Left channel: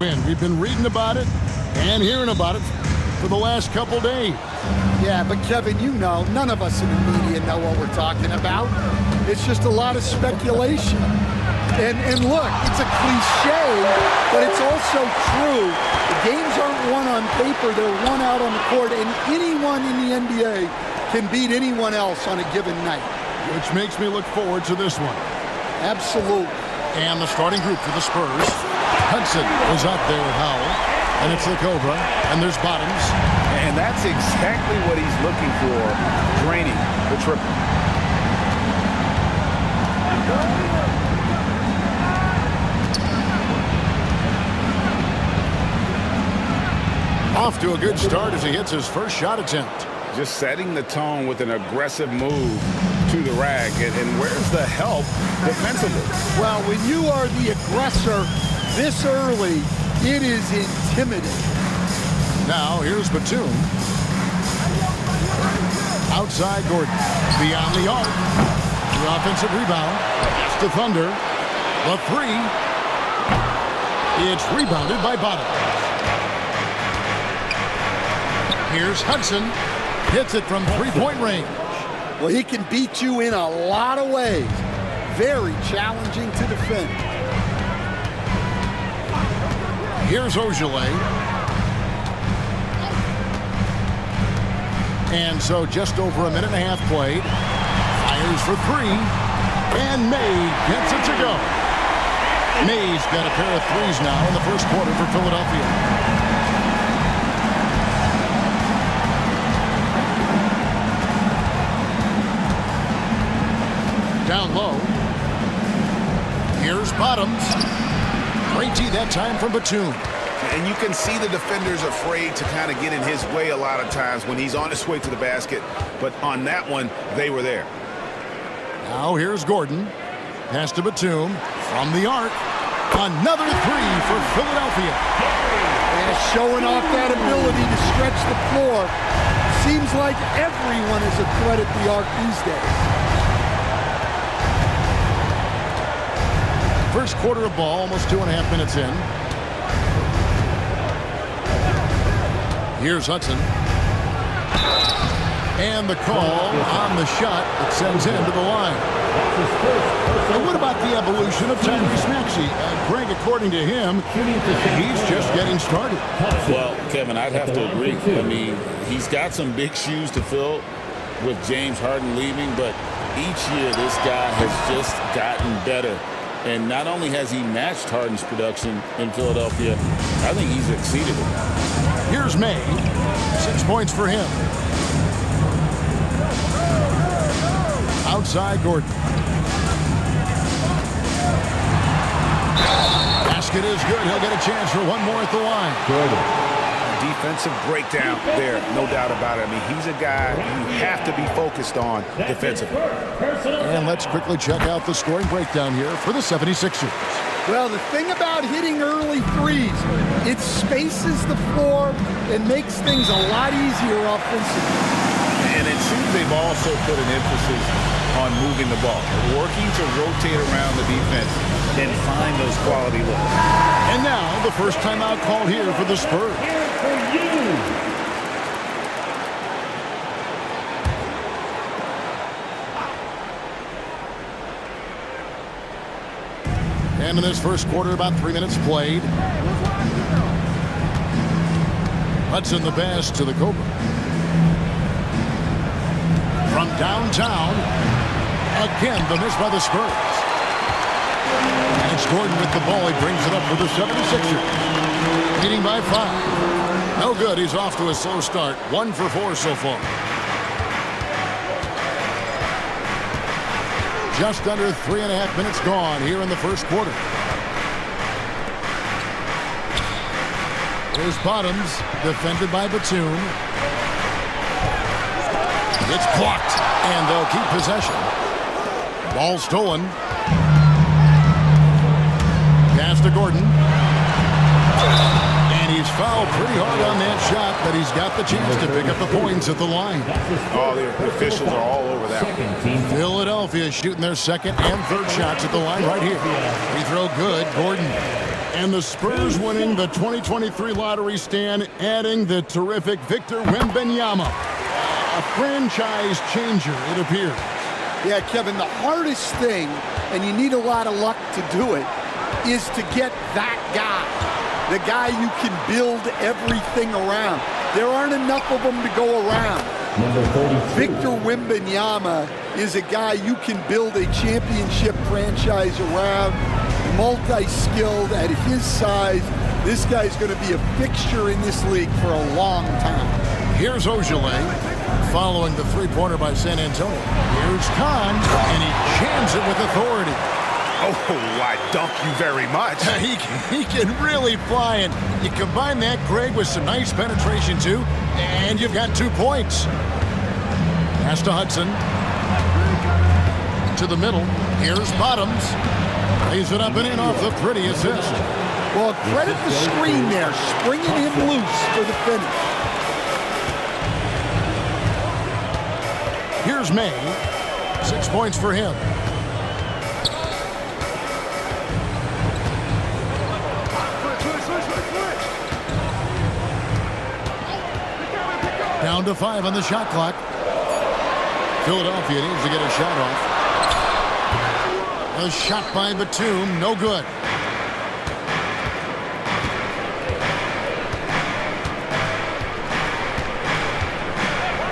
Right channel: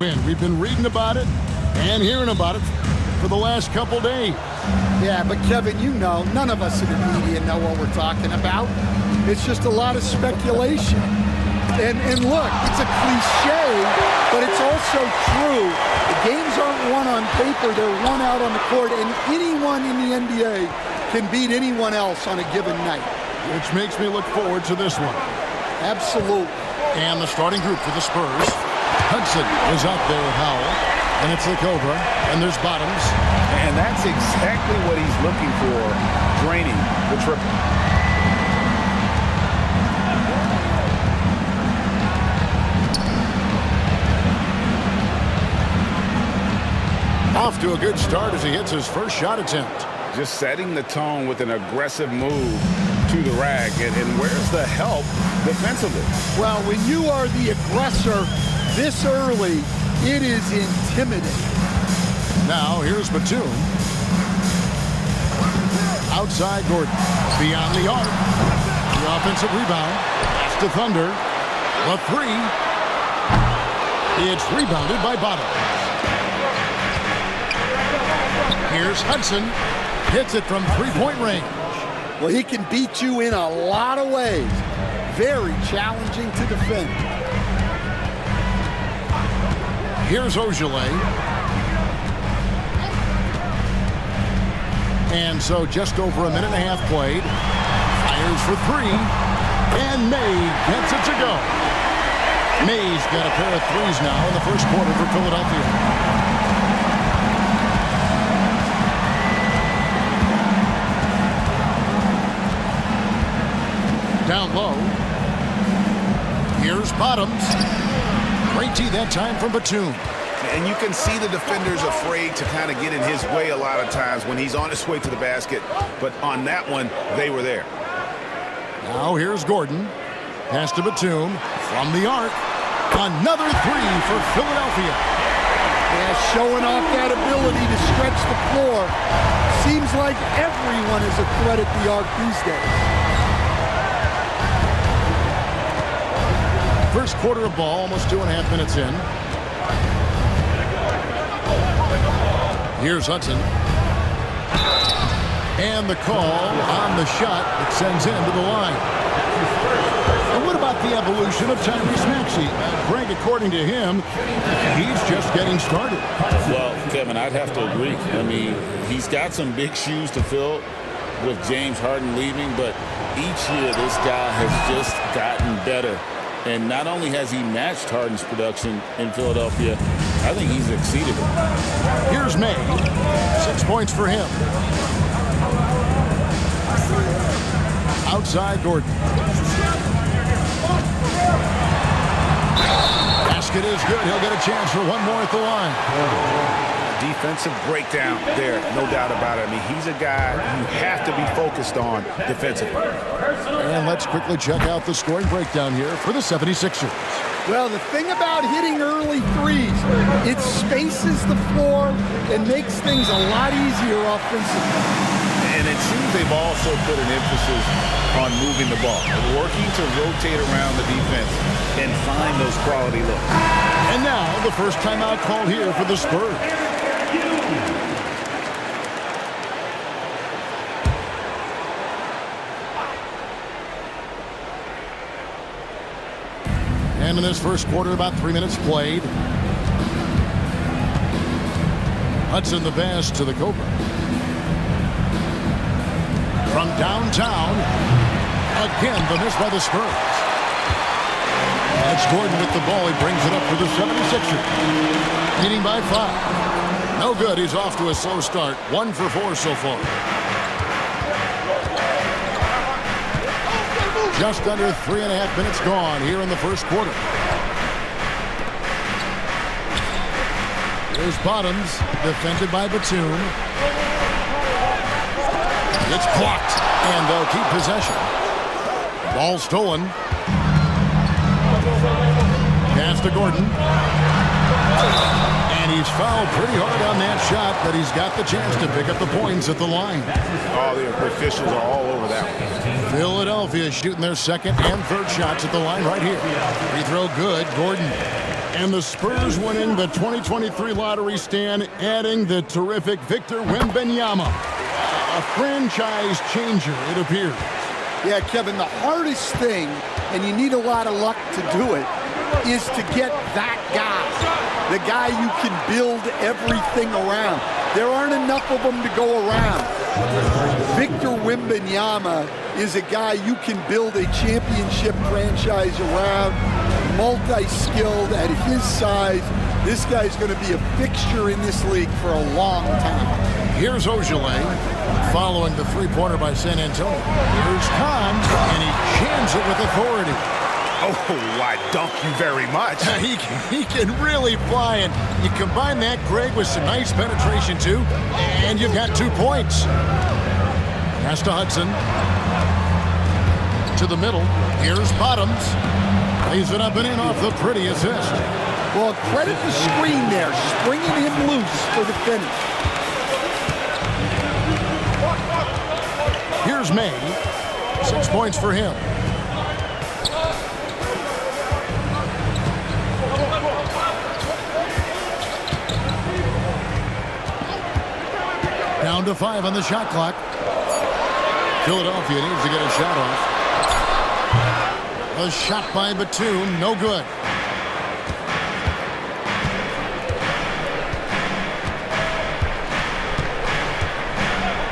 We've been reading about it and hearing about it for the last couple days. Yeah, but Kevin, you know, none of us in the media know what we're talking about. It's just a lot of speculation. And look, it's a cliche, but it's also true. The games aren't won on paper, they're won out on the court, and anyone in the NBA can beat anyone else on a given night. Which makes me look forward to this one. Absolutely. And the starting group for the Spurs. Hudson is out there with Howell, and it's the Cobra, and there's Bottoms. And that's exactly what he's looking for, draining the triple. Off to a good start as he hits his first shot attempt. Just setting the tone with an aggressive move to the rack. And where's the help defensively? Well, when you are the aggressor this early, it is intimidating. Now, here's Batum. Outside Gordon. Beyond the arc. The offensive rebound. Pass to Thunder. The three. It's rebounded by Bottoms. Here's Hudson. Hits it from three-point range. Well, he can beat you in a lot of ways. Very challenging to defend. Here's Ogilvy. And so just over a minute and a half played. Fires for three. And May gets it to go. May's got a pair of threes now in the first quarter for Philadelphia. Down low. Here's Bottoms. Great tee that time from Batum. And you can see the defenders afraid to kind of get in his way a lot of times when he's on his way to the basket. But on that one, they were there. Now here's Gordon. Pass to Batum from the arc. Another three for Philadelphia. Yeah, showing off that ability to stretch the floor. Seems like everyone is a threat at the arc these days. First quarter of ball, almost 2.5 minutes in. Here's Hudson. And the call on the shot that sends him to the line. And what about the evolution of Tyrese Maxey? Greg, according to him, he's just getting started. Well, Kevin, I'd have to agree. I mean, he's got some big shoes to fill with James Harden leaving, but each year this guy has just gotten better. And not only has he matched Harden's production in Philadelphia, I think he's exceeded it. Here's May. 6 points for him. Outside Gordon. Basket is good. He'll get a chance for one more at the line. A defensive breakdown there, no doubt about it. I mean, he's a guy you have to be focused on defensively. And let's quickly check out the scoring breakdown here for the 76ers. Well, the thing about hitting early threes, it spaces the floor and makes things a lot easier offensively. And it seems they've also put an emphasis on moving the ball, working to rotate around the defense and find those quality looks. And now the first timeout called here for the Spurs. And in this first quarter, about 3 minutes played. Hudson the pass to the Cobra. From downtown, again the miss by the Spurs. And it's Gordon with the ball. He brings it up for the 76ers. Leading by 5. No good. He's off to a slow start. 1 for 4 so far. Just under 3.5 minutes gone here in the first quarter. Here's Bottoms, defended by Batum. It's blocked, and they'll keep possession. Ball stolen. Pass to Gordon. And he's fouled pretty hard on that shot, but he's got the chance to pick up the points at the line. Oh, the officials are all over that one. Philadelphia shooting their second and third shots at the line right here. Free throw good. Gordon. And the Spurs winning the 2023 lottery stand, adding the terrific Victor Wembanyama. A franchise changer, it appears. Yeah, Kevin, the hardest thing, and you need a lot of luck to do it, is to get that guy. The guy you can build everything around. There aren't enough of them to go around. Victor Wembanyama is a guy you can build a championship franchise around, multi-skilled at his size. This guy's going to be a fixture in this league for a long time. Here's Ojale following the three-pointer by San Antonio. Here's Khan, and he jams it with authority. Oh, I dunk you very much. He can really fly, and you combine that, Greg, with some nice penetration, too, and you've got 2 points. Pass to Hudson. To the middle. Here's Bottoms. Lays it up and in off the pretty assist. Well, credit the screen there, springing him loose for the finish. Here's May. 6 points for him. Down to 5 on the shot clock. Philadelphia needs to get a shot off. A shot by Batum, no good.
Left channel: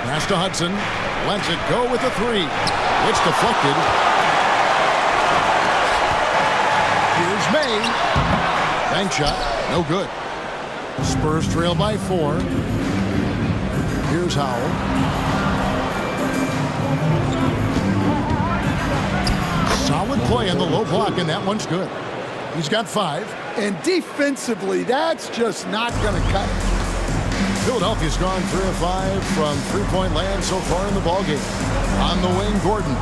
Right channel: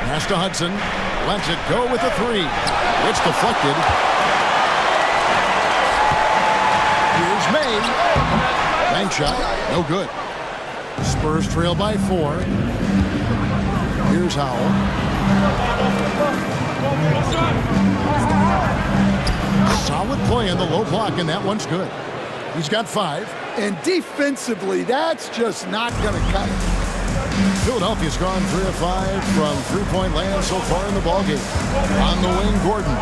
Pass to Hudson. Lets it go with a 3. It's deflected. Here's May. Bank shot, no good. Spurs trail by 4. Here's Howell. Solid play on the low block, and that one's good. He's got 5. And defensively, that's just not going to cut it. Philadelphia's gone 3 of 5 from three-point land so far in the ballgame. On the wing, Gordon.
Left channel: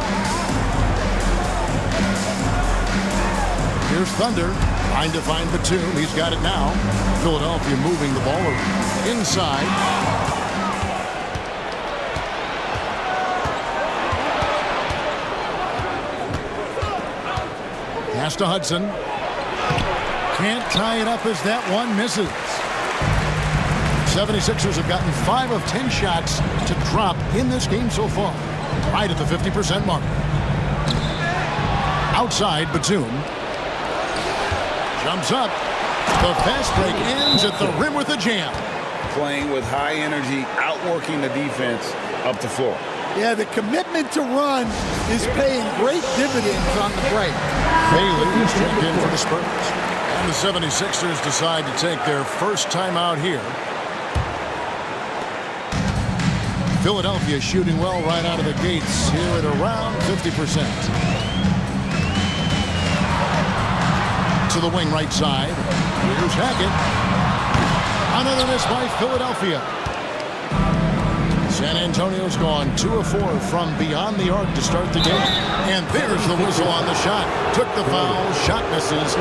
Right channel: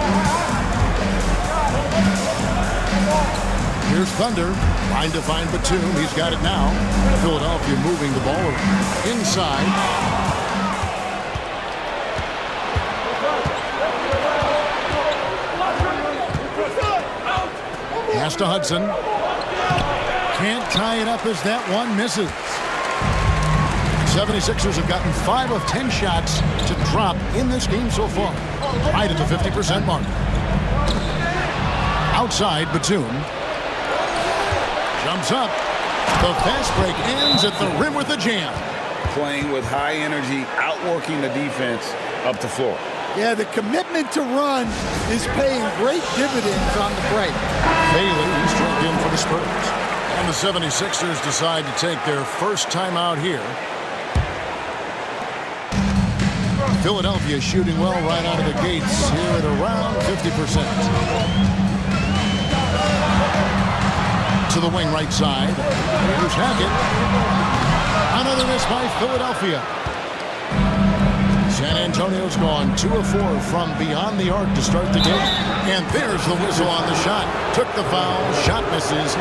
Here's Thunder. Trying to find Batum. He's got it now. Philadelphia moving the ball around. Inside. Pass to Hudson. Can't tie it up as that one misses. 76ers have gotten 5 of 10 shots to drop in this game so far. Right at the 50% mark. Outside, Batum. Jumps up. The fast break ends at the rim with a jam. Playing with high energy, outworking the defense up the floor. Yeah, the commitment to run is paying great dividends on the break. Bailey is checked in for the Spurs. And the 76ers decide to take their first time out here. Philadelphia shooting well right out of the gates here at around 50%. To the wing right side. Here's Hackett. Another miss by Philadelphia. San Antonio's gone 2 of 4 from beyond the arc to start the game. And there's the whistle on the shot. Took the foul. Shot misses.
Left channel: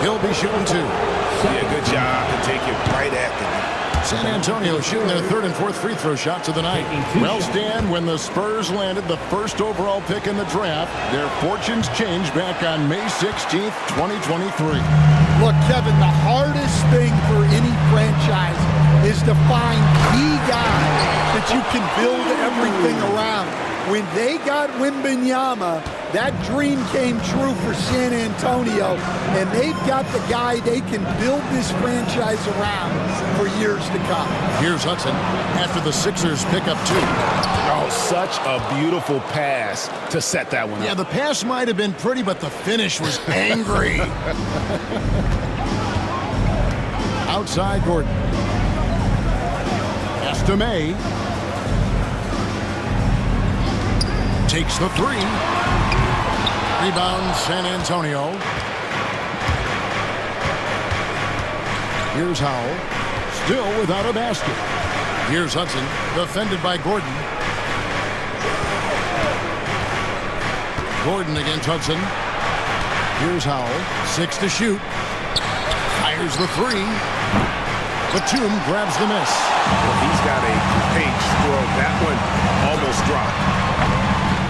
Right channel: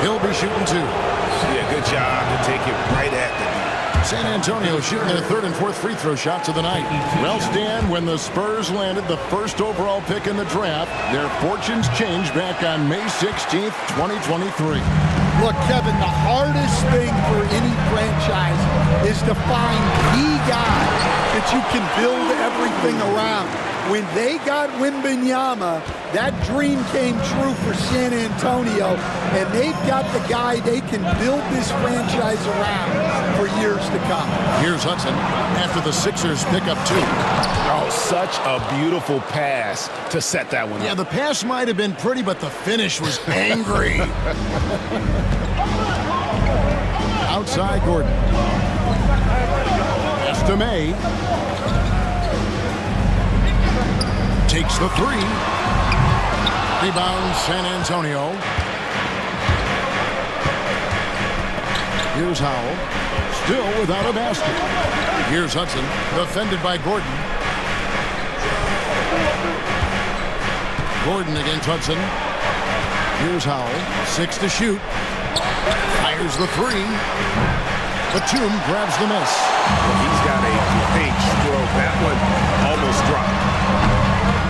He'll be shooting 2. Yeah, good job to take it right at the D. San Antonio shooting their 3rd and 4th free throw shots of the night. Well, Stan, when the Spurs landed the first overall pick in the draft, their fortunes changed back on May 16th, 2023. Look, Kevin, the hardest thing for any franchise is to find the guy that you can build everything around. When they got Wembanyama, that dream came true for San Antonio, and they've got the guy they can build this franchise around for years to come. Here's Hudson after the Sixers pick up 2. Oh, such a beautiful pass to set that one up. Yeah, the pass might have been pretty, but the finish was angry. Outside Gordon. Pass to May. Takes the 3. Rebound San Antonio. Here's Howell. Still without a basket. Here's Hudson. Defended by Gordon. Gordon against Hudson. Here's Howell. 6 to shoot. Fires the 3. Batum grabs the miss. Well, he's got a great stroke. That one almost dropped.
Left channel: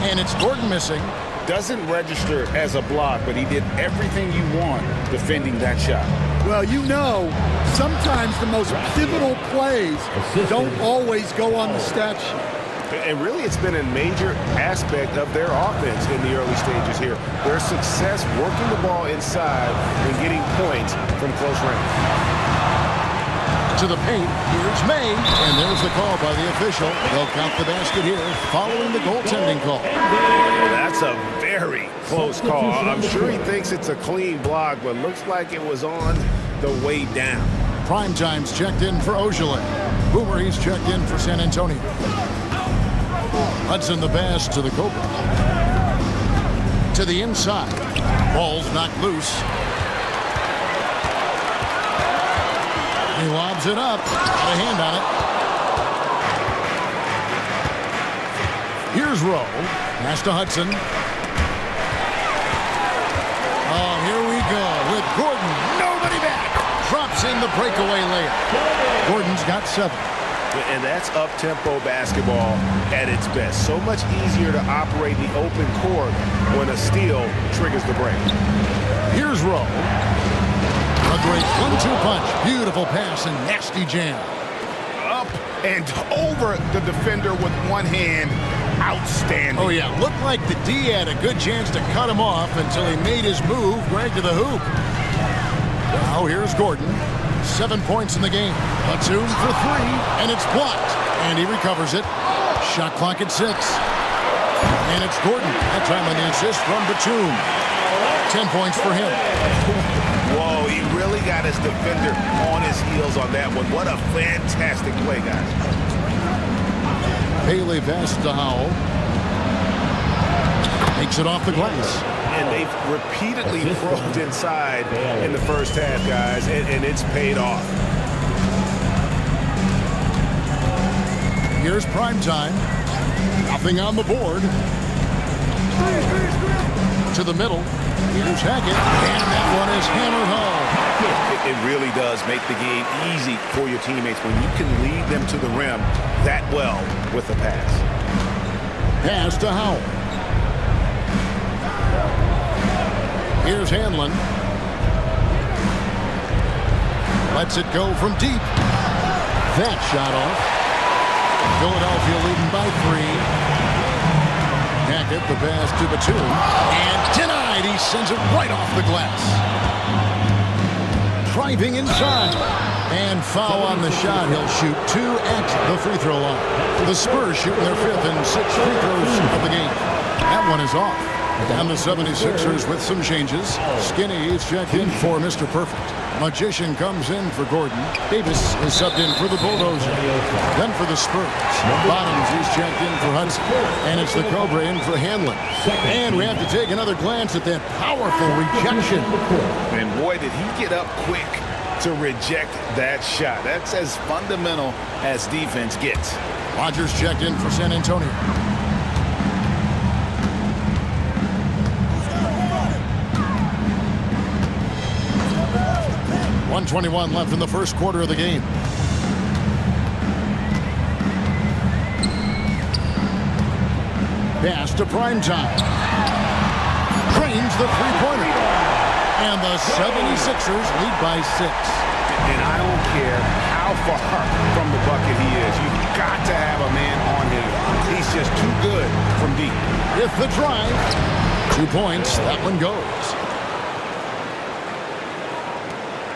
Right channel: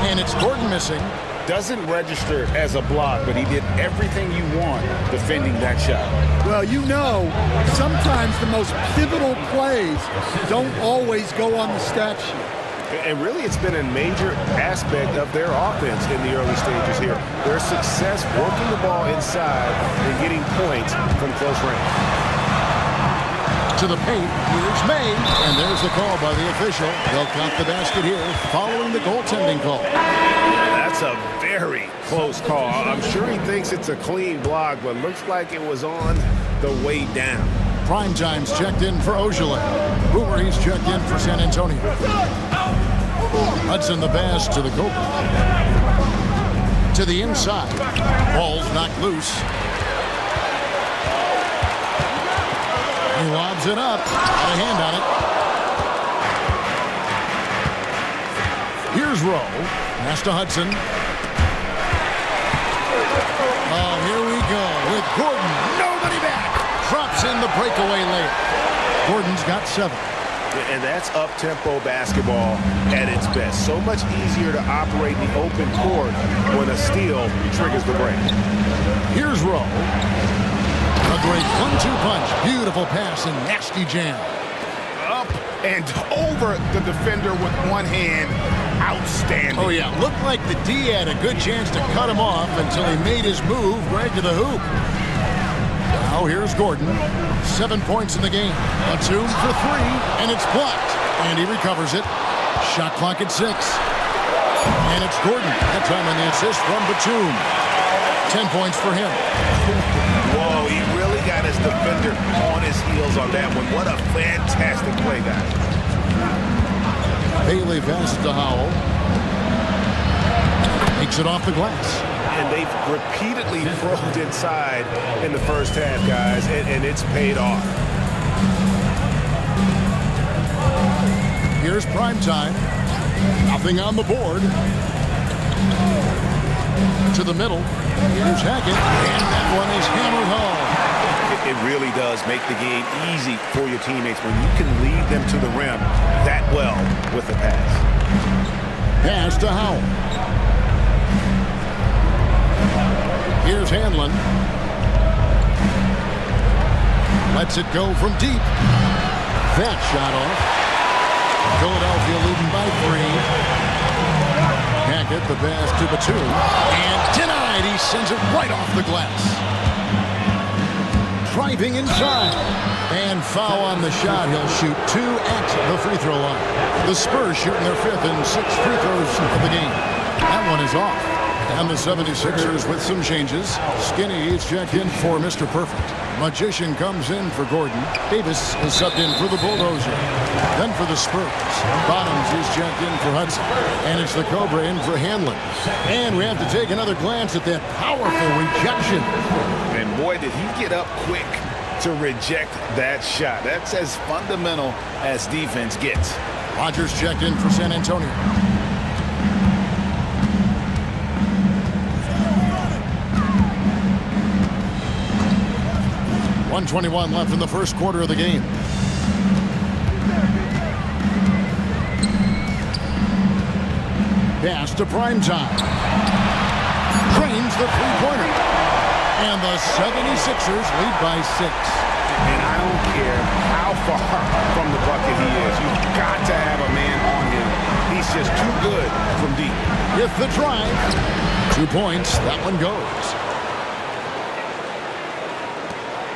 And it's Gordon missing. Doesn't register as a block, but he did everything you want defending that shot. Well, you know, sometimes the most pivotal plays don't always go on the stat sheet. And really, it's been a major aspect of their offense in the early stages here. Their success working the ball inside and getting points from close range. To the paint, here's May, and there's the call by the official. They'll count the basket here following the goaltending call. That's a very close call. I'm sure he thinks it's a clean block, but looks like it was on the way down. Primetime's checked in for Ojale. Boomer, he's checked in for San Antonio. Hudson the pass to the Cobra. To the inside. Ball's knocked loose. He lobs it up. Got a hand on it. Here's Rowe. Pass to Hudson. Oh, here we go with Gordon. Nobody back. Drops in the breakaway layup. Gordon's got 7. And that's up-tempo basketball at its best. So much easier to operate in the open court when a steal triggers the break. Here's Rowe. A great 1-2 punch. Beautiful pass and nasty jam. Up and over the defender with one hand. Outstanding. Oh, yeah. Looked like the D had a good chance to cut him off until he made his move right to the hoop. Now here's Gordon. 7 points in the game. Batum for 3, and it's blocked. And he recovers it. Shot clock at 6. And it's Gordon. That time on the assist from Batum. 10 points for him. Whoa, he really got his defender on his heels on that one. What a fantastic play, guys. Bailey passes to Howell. Takes it off the glass. And they've repeatedly probed inside in the first half, guys, and it's paid off. Here's Primetime. Nothing on the board. To the middle. Here's Hackett. And that one is hammered home. It really does make the game easy for your teammates when you can lead them to the rim that well with a pass. Pass to Howell. Here's Hanlon. Lets it go from deep. That shot off. Philadelphia leading by 3. Hackett, the pass to Batum. And denied. He sends it right off the glass. Driving inside. And foul on the shot. He'll shoot 2 at the free throw line. The Spurs shooting their 5th and 6th free throws of the game. That one is off. And the 76ers with some changes. Skinny is checked in for Mr. Perfect. Magician comes in for Gordon. Davis is subbed in for the Bulldozer. Then for the Spurs. Bottoms is checked in for Hudson. And it's the Cobra in for Hanlon. And we have to take another glance at that powerful rejection. And boy, did he get up quick to reject that shot. That's as fundamental as defense gets. Rodgers checked in for San Antonio. 1:21 left in the first quarter of the game. Pass to Primetime. Drains the three-pointer. And the 76ers lead by 6. And I don't care how far from the bucket he is. You've got to have a man on him. He's just too good from deep. With the drive. 2 points. That one goes.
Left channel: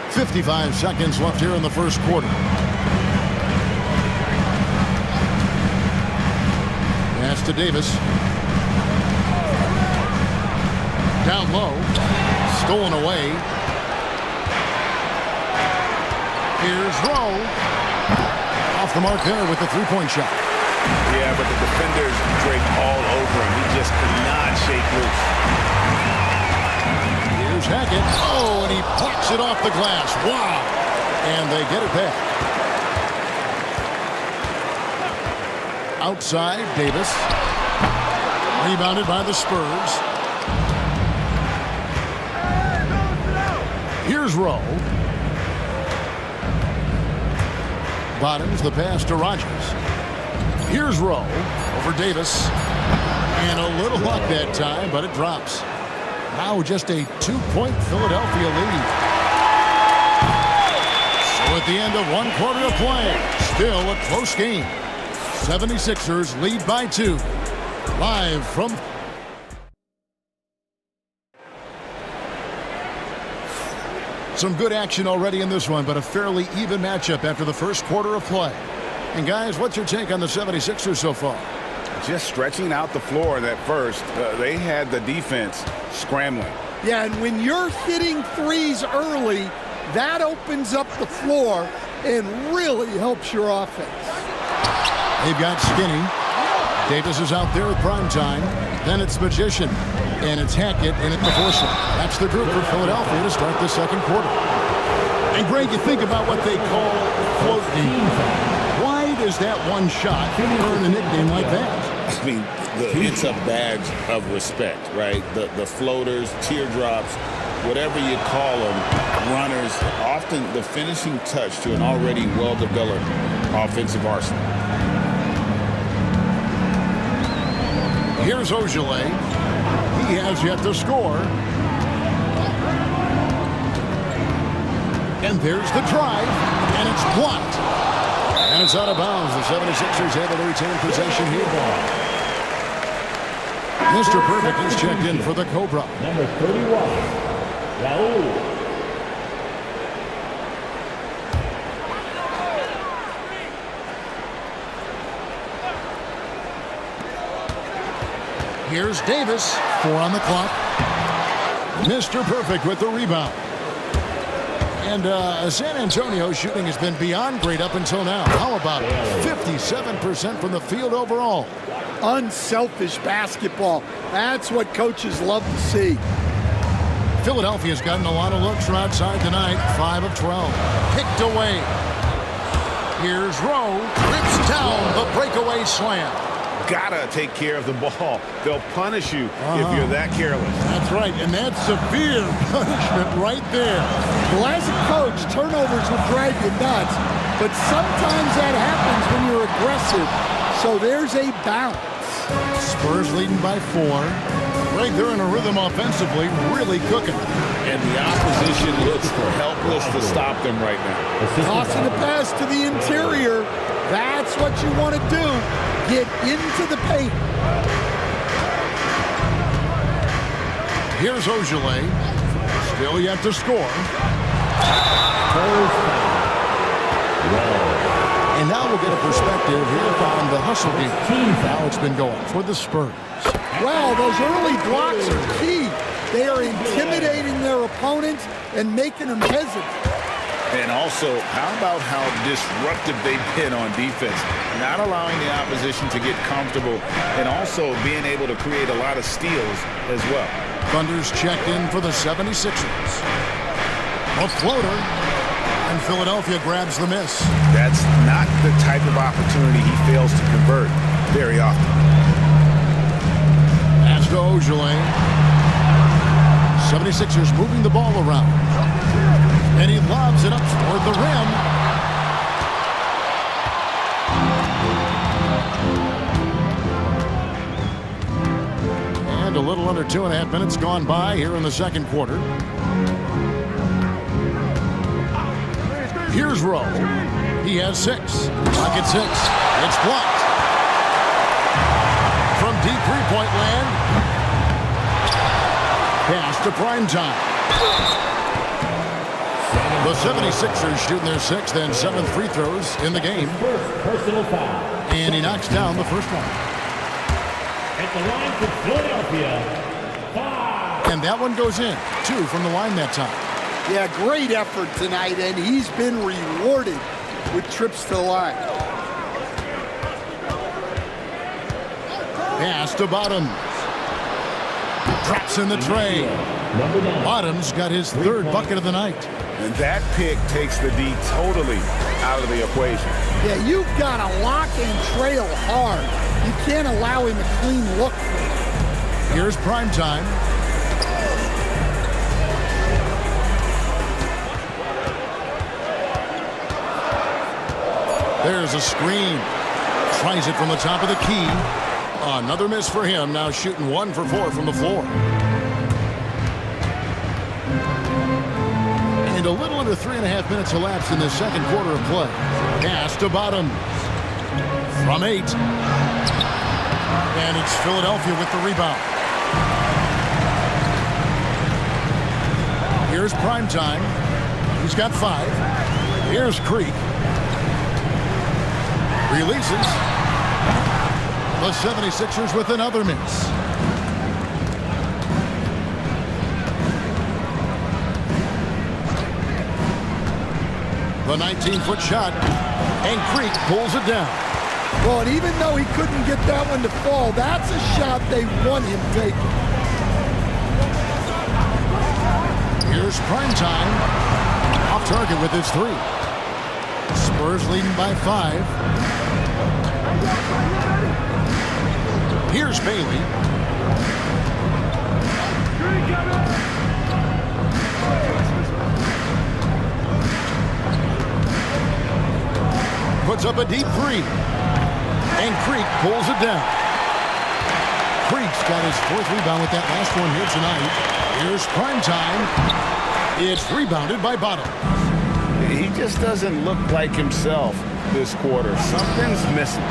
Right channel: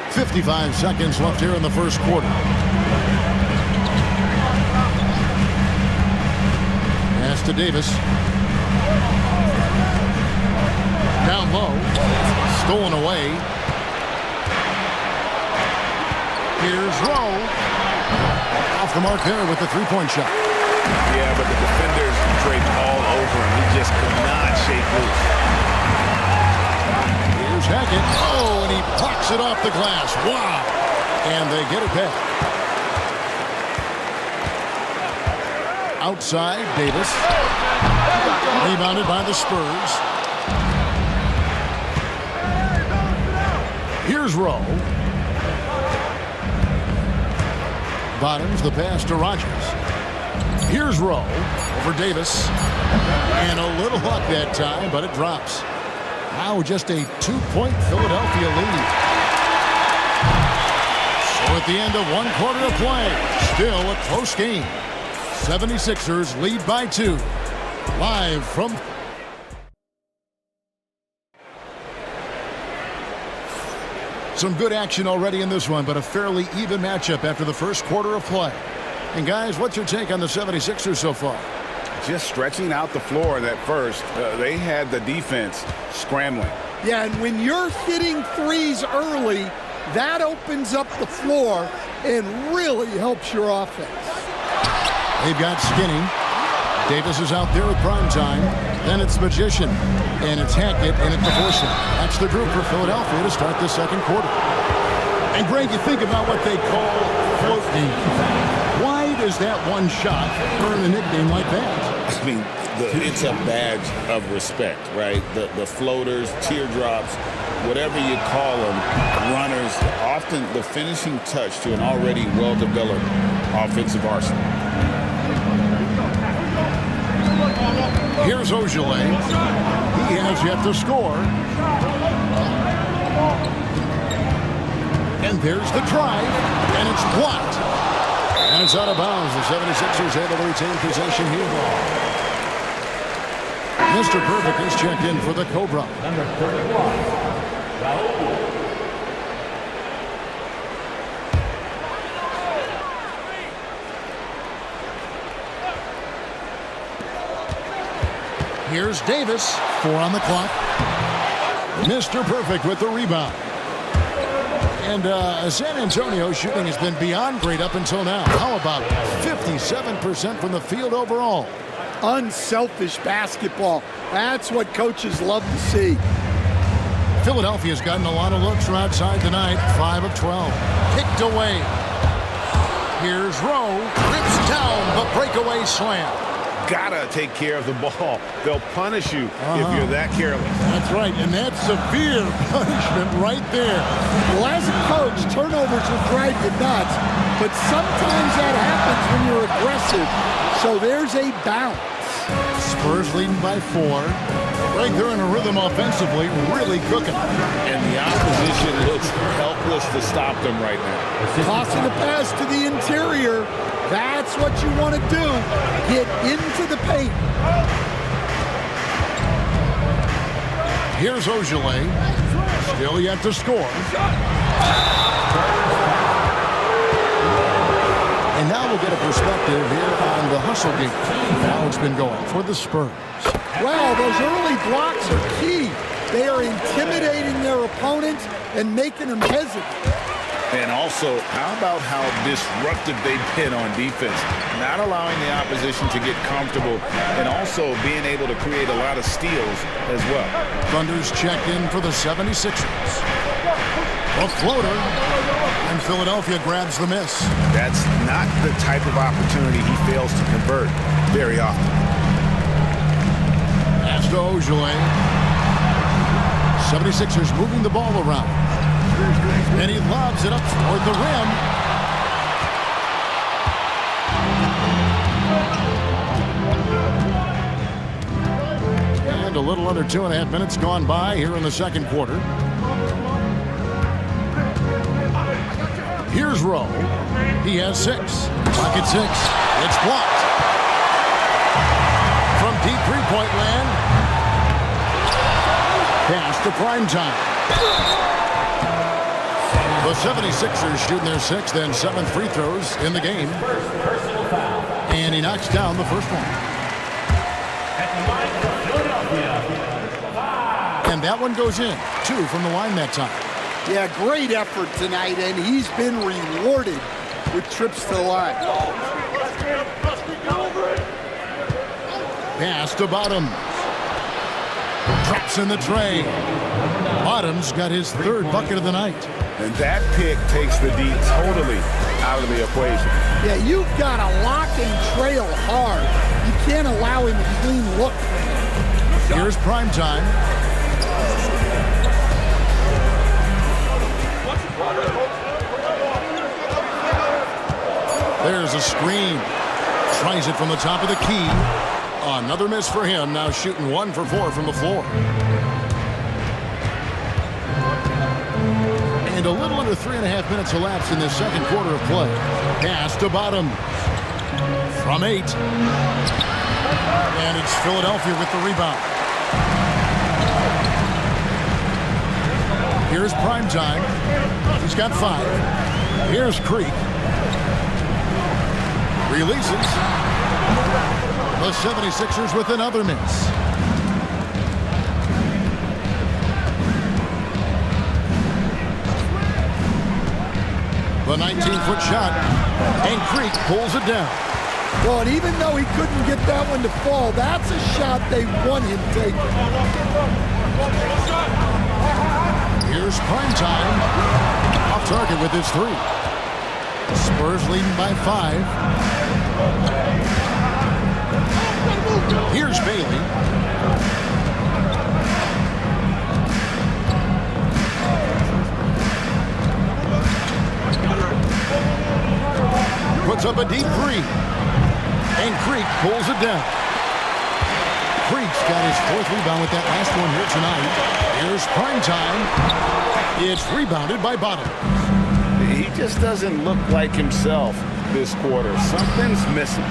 55 seconds left here in the first quarter. Pass to Davis. Down low. Stolen away. Here's Rowe. Off the mark there with the three-point shot. Yeah, but the defenders draped all over him. He just could not shake loose. Here's Hackett. Oh, and he plucks it off the glass. Wow. And they get it back. Outside, Davis. Rebounded by the Spurs. Here's Rowe. Bottoms the pass to Rodgers. Here's Rowe over Davis. And a little luck that time, but it drops. Now just a 2-point Philadelphia lead. So at the end of 1 quarter of play, still a close game. 76ers lead by 2. Live from... Some good action already in this one, but a fairly even matchup after the first quarter of play. And guys, what's your take on the 76ers so far? Just stretching out the floor in that first. They had the defense scrambling. Yeah, and when you're hitting threes early, that opens up the floor and really helps your offense. They've got Skinny. Davis is out there with prime time. Then it's Magician. And it's Hackett, and it's DeForest. That's the group for Philadelphia to start the second quarter. And Greg, you think about what they call float D. Why does that one shot earn a nickname like that? I mean, it's a badge of respect, right? The floaters, teardrops, whatever you call them, runners, often the finishing touch to an already well-developed offensive arsenal. Here's Ojale. He has yet to score. And there's the drive, and it's blocked. And it's out of bounds. The 76ers able to retain possession here. Mr. Perfect is checked in for the Cobra. Number 31, Raul. Here's Davis. 4 on the clock. Mr. Perfect with the rebound. And San Antonio shooting has been beyond great up until now. How about 57% from the field overall? Unselfish basketball. That's what coaches love to see. Philadelphia's gotten a lot of looks from outside tonight. 5 of 12. Kicked away. Here's Rowe. Rips down the breakaway slam. Gotta take care of the ball. They'll punish you if you're that careless. That's right, and that's severe punishment right there. Well, as a coach, turnovers will drive you nuts, but sometimes that happens when you're aggressive. So there's a bounce. Spurs leading by 4. Greg, they're in a rhythm offensively, really cooking. And the opposition looks helpless to stop them right now. Tossing a pass to the interior. That's what you want to do. Get into the paint. Here's Ojale. Still yet to score. And now we'll get a perspective here on the hustle game. How it's been going for the Spurs. Well, those early blocks are key. They are intimidating their opponents and making them hesitant. And also, how about how disruptive they've been on defense, not allowing the opposition to get comfortable, and also being able to create a lot of steals as well. Thunder's checked in for the 76ers. A floater, and Philadelphia grabs the miss. That's not the type of opportunity he fails to convert very often. Pass to Ojale. 76ers moving the ball around. And he lobs it up toward the rim. And a little under 2.5 minutes gone by here in the second quarter. Here's Rowe. He has 6. Pocket 6. It's blocked. From deep three-point land. Pass to primetime. The 76ers shooting their 6th and 7th free throws in the game. Personal foul. And he knocks down the first one. At the line for Philadelphia, 5. And that one goes in. 2 from the line that time. Yeah, great effort tonight, and he's been rewarded with trips to the line. Pass to Bottoms. Drops in the tray. Bottoms got his 3rd bucket of the night. And that pick takes the D totally out of the equation. Yeah, you've got to lock and trail hard. You can't allow him a clean look from that. Here's primetime. There's a screen. Tries it from the top of the key. Another miss for him, now shooting 1 for 4 from the floor. And a little under 3.5 minutes elapsed in this second quarter of play. Pass to Bottoms. From 8. And it's Philadelphia with the rebound. Here's Primetime. He's got 5. Here's Creek. Releases. The 76ers with another miss. The 19-foot shot, and Creek pulls it down. Well, and even though he couldn't get that one to fall, that's a shot they want him taking. Here's Primetime. Off target with his 3. Spurs leading by 5. Here's Bailey. Puts up a deep 3. And Creek pulls it down. Creek's got his 4th rebound with that last one here tonight. Here's Primetime. It's rebounded by Bottoms. He just doesn't look like himself this quarter. Something's missing.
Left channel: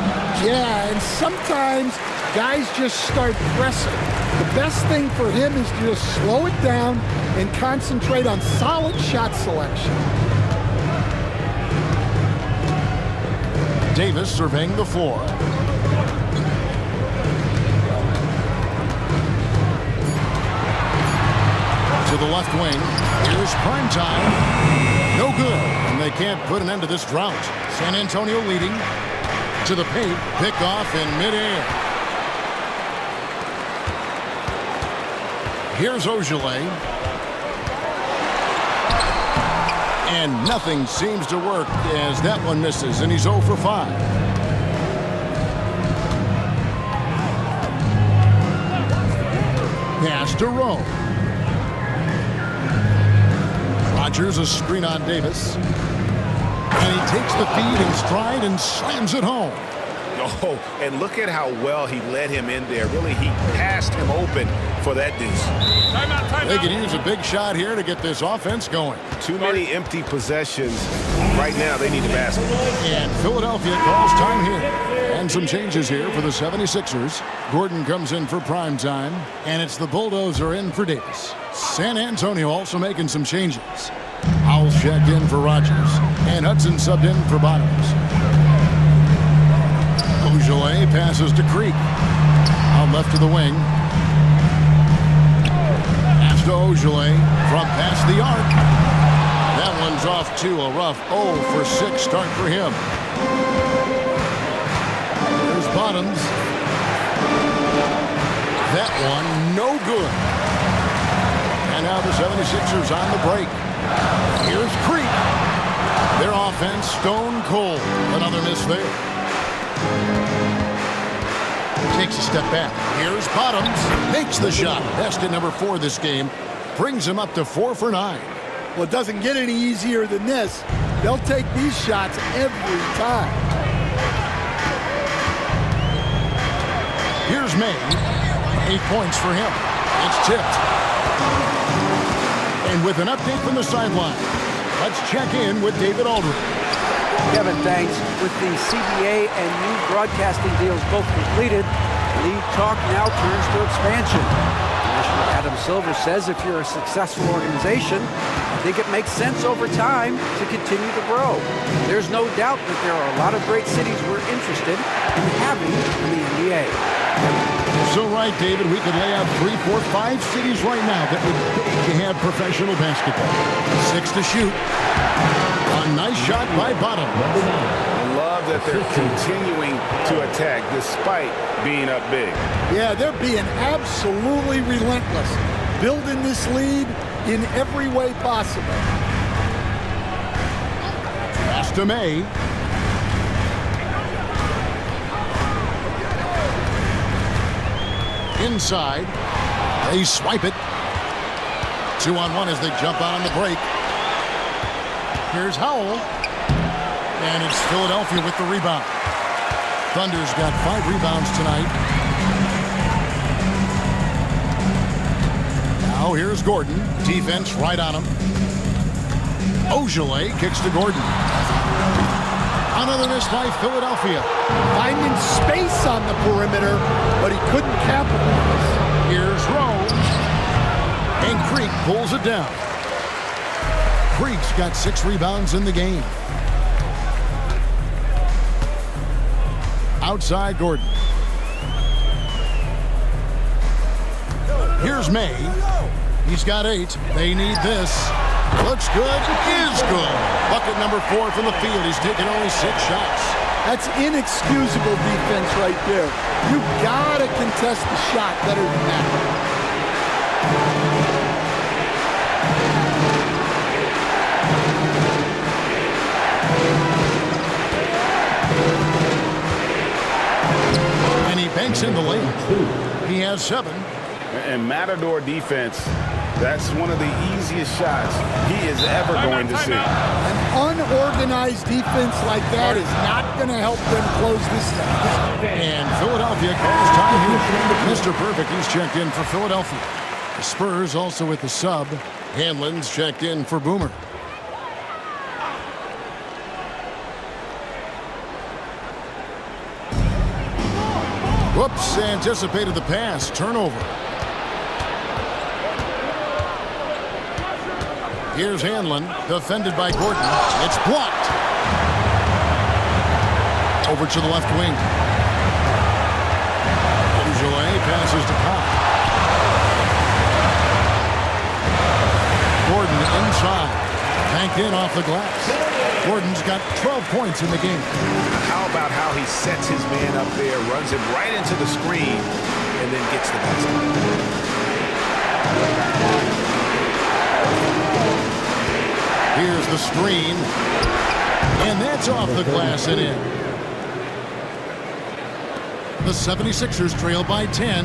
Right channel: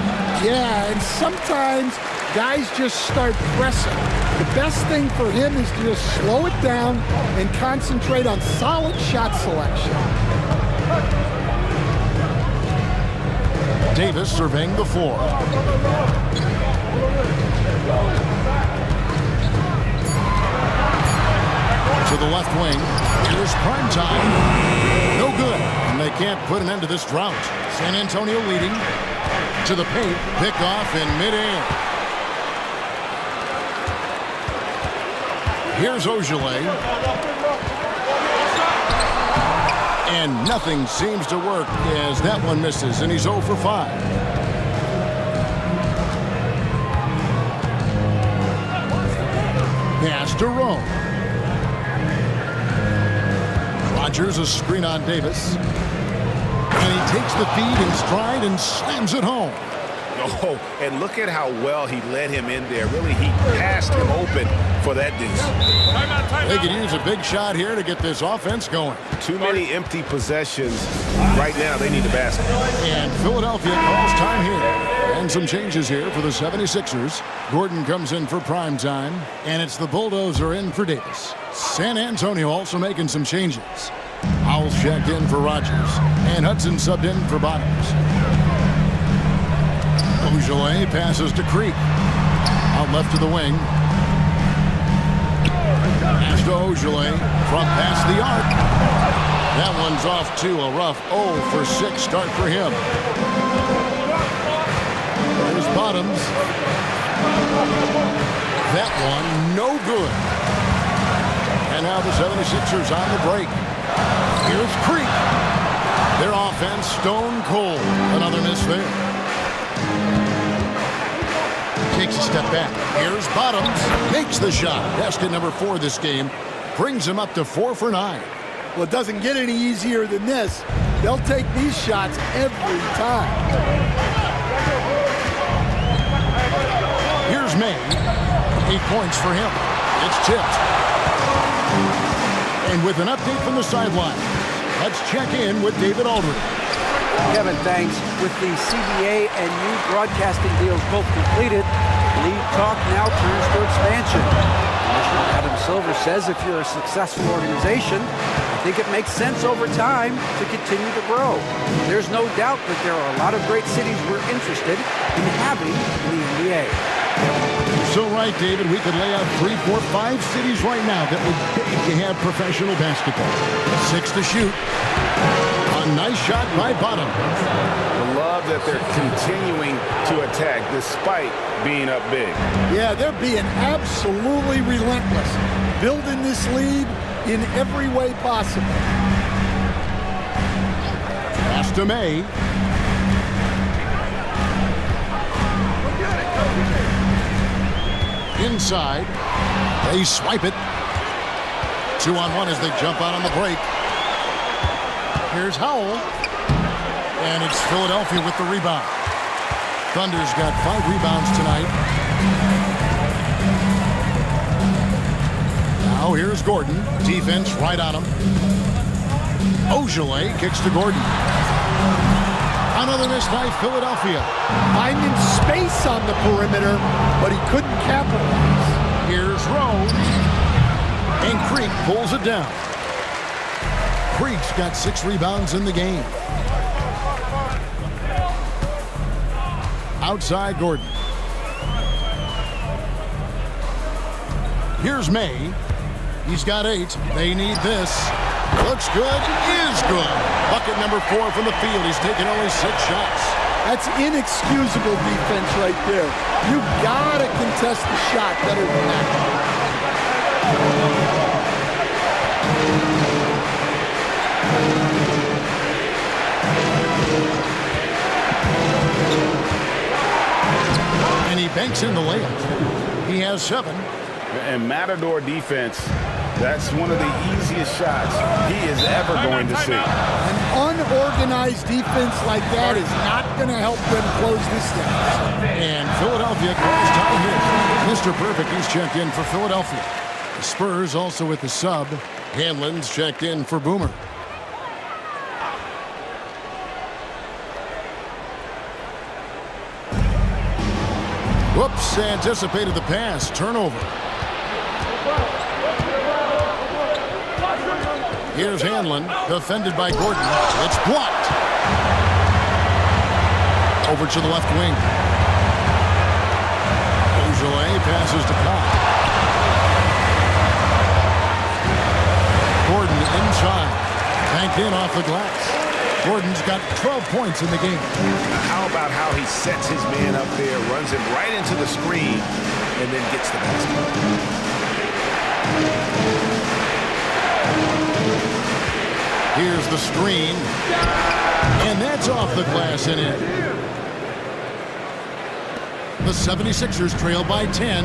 Yeah, and sometimes guys just start pressing. The best thing for him is to just slow it down and concentrate on solid shot selection. Davis surveying the floor. To the left wing. Here's Primetime. No good. And they can't put an end to this drought. San Antonio leading. To the paint. Picked off in midair. Here's Ogilvy. And nothing seems to work as that one misses, and he's 0 for 5. Pass to Rowe. Rodgers a screen on Davis. And he takes the feed in stride and slams it home. Oh, and look at how well he led him in there. Really, he passed him open for that deuce. They could use a big shot here to get this offense going. Too many empty possessions. Right now, they need the basket. And Philadelphia calls time here. And some changes here for the 76ers. Gordon comes in for Primetime. And it's the Bulldozer in for Davis. San Antonio also making some changes. Howell's checked in for Rodgers. And Hudson subbed in for Bottoms. Ogilvy passes to Creek. Out left to the wing. Pass to Ogilvy from past the arc. That one's off to a rough 0 for 6 start for him. There's Bottoms. That one no good. And now the 76ers on the break. Here's Creek. Their offense stone cold. Another miss there. Takes a step back. Here's Bottoms. Makes the shot. Basket number 4 this game. Brings him up to 4 for 9. Well, it doesn't get any easier than this. They'll take these shots every time. Here's May. 8 points for him. It's tipped. And with an update from the sideline, let's check in with David Aldridge. Kevin, thanks. With the CBA and new broadcasting deals both completed, league talk now turns to expansion. Commissioner Adam Silver says if you're a successful organization, I think it makes sense over time to continue to grow. There's no doubt that there are a lot of great cities we're interested in having in the NBA. Kevin? So right, David, we could lay out 3, 4, 5 cities right now that would beg to have professional basketball. 6 to shoot. A nice shot by Bottoms. I love that they're continuing to attack despite being up big. Yeah, they're being absolutely relentless, building this lead in every way possible. Pass to May. Inside. They swipe it. 2-on-1 as they jump out on the break. Here's Howell. And it's Philadelphia with the rebound. Thunder's got 5 rebounds tonight. Now here's Gordon. Defense right on him. Ojale kicks to Gordon. Another miss by Philadelphia. Finding space on the perimeter, but he couldn't capitalize. Here's Rowe. And Creek pulls it down. Creek's got 6 rebounds in the game. Outside Gordon. Here's May. He's got 8. They need this. Looks good. Is good. Bucket number 4 from the field. He's taken only 6 shots. That's inexcusable defense right there. You gotta contest the shot better than that. And he banks in the layup. He has 7. And Matador defense, that's one of the easiest shots he is ever going to see. An unorganized defense like that is not going to help them close this down. And Philadelphia calls time here. Mr. Perfect, he's checked in for Philadelphia. The Spurs also with the sub. Hanlon's checked in for Boomer. Whoops, anticipated the pass. Turnover. Here's Hanlon, defended by Gordon. It's blocked. Over to the left wing. Ojale passes to Cobb. Gordon inside. Banked in off the glass. Gordon's got 12 points in the game. How about how he sets his man up there, runs him right into the screen, and then gets the basket. Here's the screen. And that's off the glass and in. The 76ers trail by 10.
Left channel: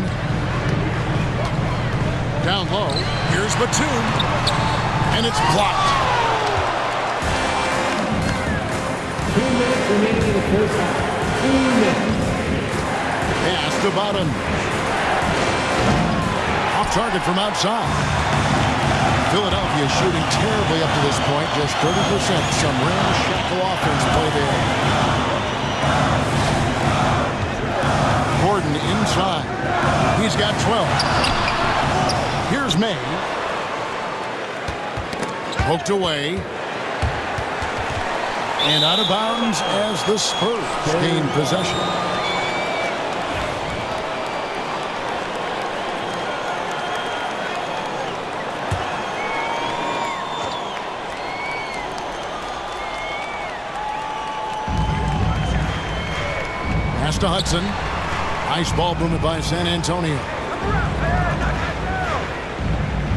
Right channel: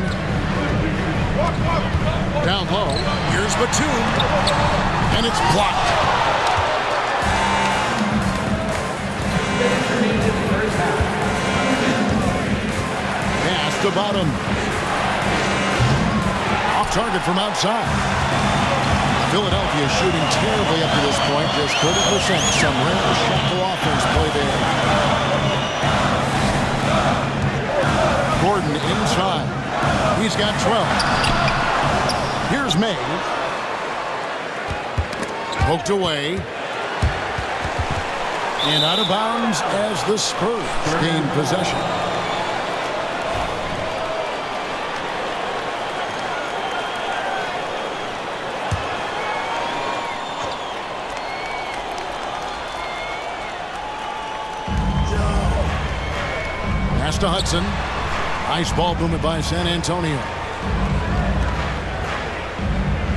Down low. Here's Batum. And it's blocked. 2 minutes remaining in the first half. 2 minutes. Pass to Bottom. Off target from outside. Philadelphia shooting terribly up to this point, just 30%. Some ramshackle offense play there. Gordon inside. He's got 12. Here's May. Poked away. And out of bounds as the Spurs gain possession. Pass to Hudson. Nice ball movement by San Antonio.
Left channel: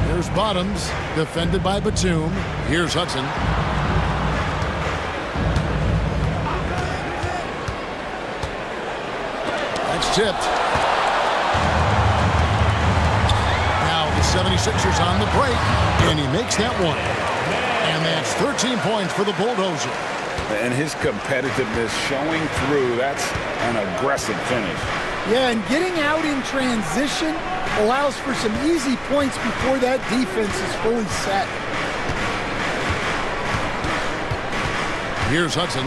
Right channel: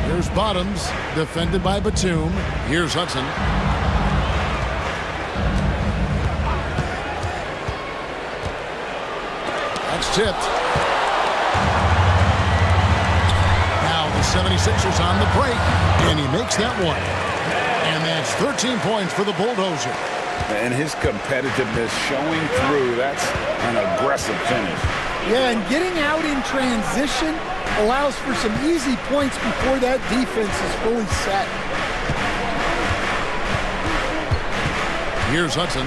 Here's Bottoms, defended by Batum. Here's Hudson. That's tipped. Now the 76ers on the break, and he makes that one. And that's 13 points for the Bulldozer. And his competitiveness showing through. That's an aggressive finish. Yeah, and getting out in transition allows for some easy points before that defense is fully set. Here's Hudson.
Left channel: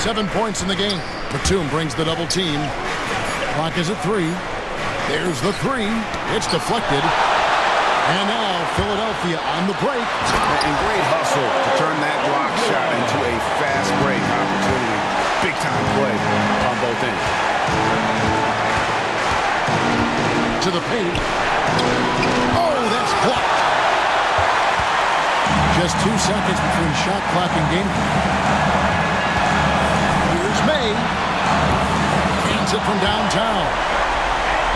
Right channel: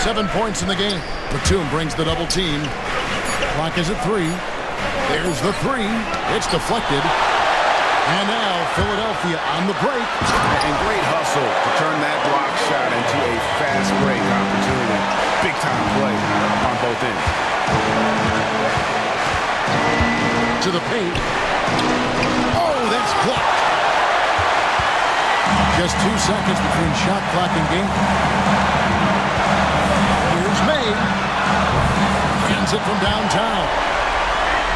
7 points in the game. Batum brings the double team. Clock is at 3. There's the 3. It's deflected. And now Philadelphia on the break. And great hustle to turn that block shot into a fast break opportunity. Big time play on both ends. To the paint. Oh, that's blocked. Just 2 seconds between shot clock and game clock. Here's May. Hands it from downtown.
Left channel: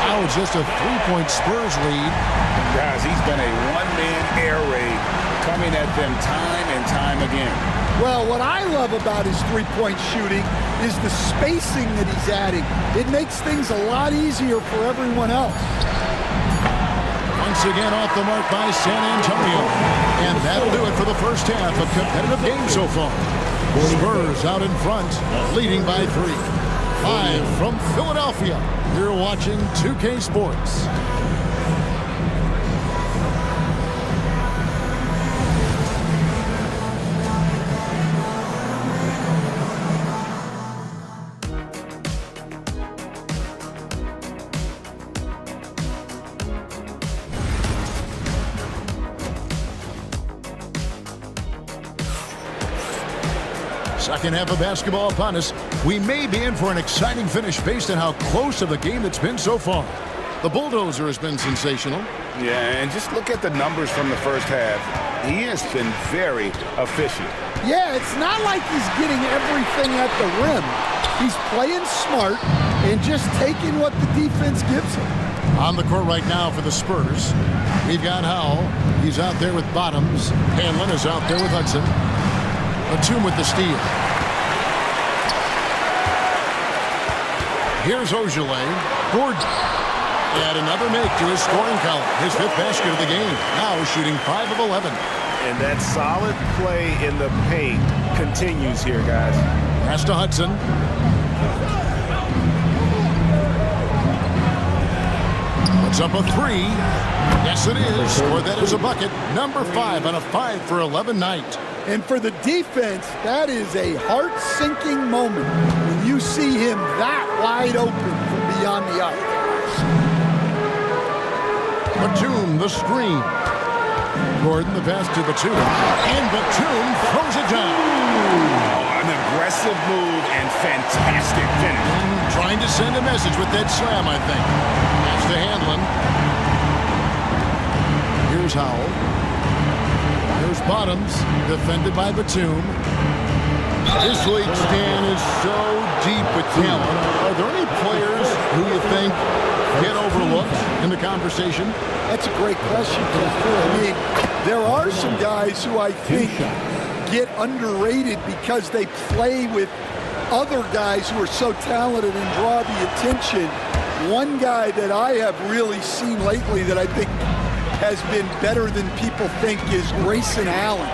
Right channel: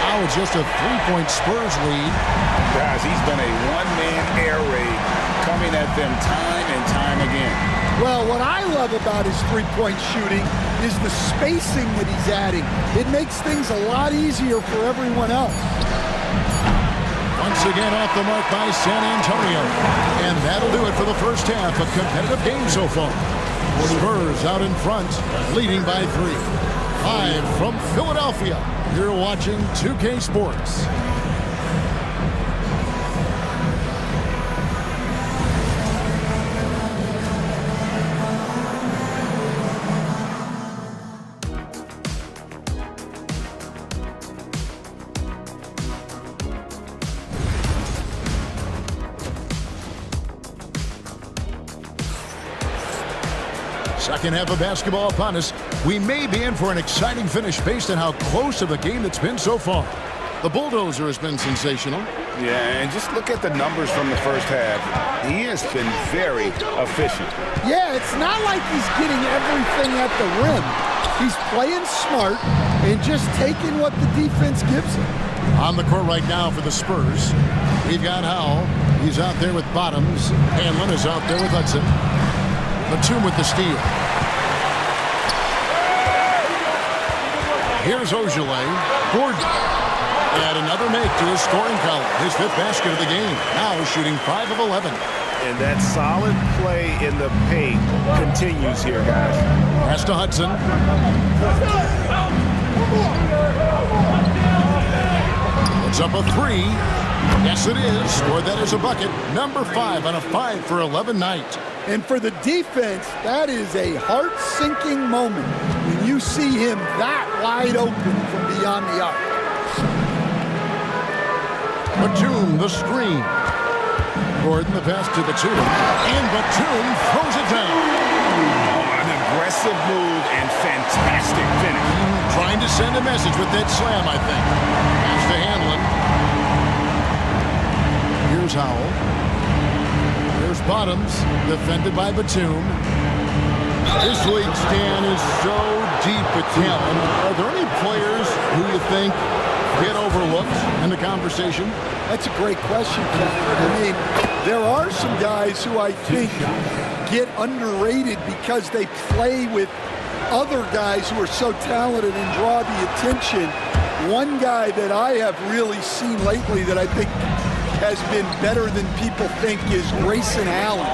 Now it's just a 3-point Spurs lead. And guys, he's been a one-man air raid coming at them time and time again. Well, what I love about his three-point shooting is the spacing that he's adding. It makes things a lot easier for everyone else. Once again off the mark by San Antonio. And that'll do it for the first half. A competitive game so far. Spurs out in front, leading by 3. Live from Philadelphia, you're watching 2K Sports. Second half of basketball upon us. We may be in for an exciting finish based on how close of a game it's been so far. The bulldozer has been sensational. Yeah, and just look at the numbers from the first half. He has been very efficient. Yeah, it's not like he's getting everything at the rim. He's playing smart and just taking what the defense gives him. On the court right now for the Spurs, we've got Howell. He's out there with Bottoms. Hanlon is out there with Hudson. Batum with the steal. Here's Ojale. Gordon. Add another make to his scoring column. His 5th basket of the game. Now shooting 5 of 11. And that solid play in the paint continues here, guys. Pass to Hudson. Puts up a 3. Yes, it is. Scored that as a bucket. Number 5 on a 5 for 11 night. And for the defense, that is a heart-sinking moment when you see him that wide open from beyond the arc. Batum, the screen. Gordon, the pass to Batum. And Batum throws it down. Oh, an aggressive move and fantastic finish. Trying to send a message with that slam, I think. Pass to Hanlon. Here's Howell. Here's Bottoms, defended by Batum. This league, Stan, is so deep with talent. Are there any players who you think get overlooked in the conversation? That's a great question, Kevin. I mean, there are some guys who I think get underrated because they play with other guys who are so talented and draw the attention. One guy that I have really seen lately that I think has been better than people think is Grayson Allen,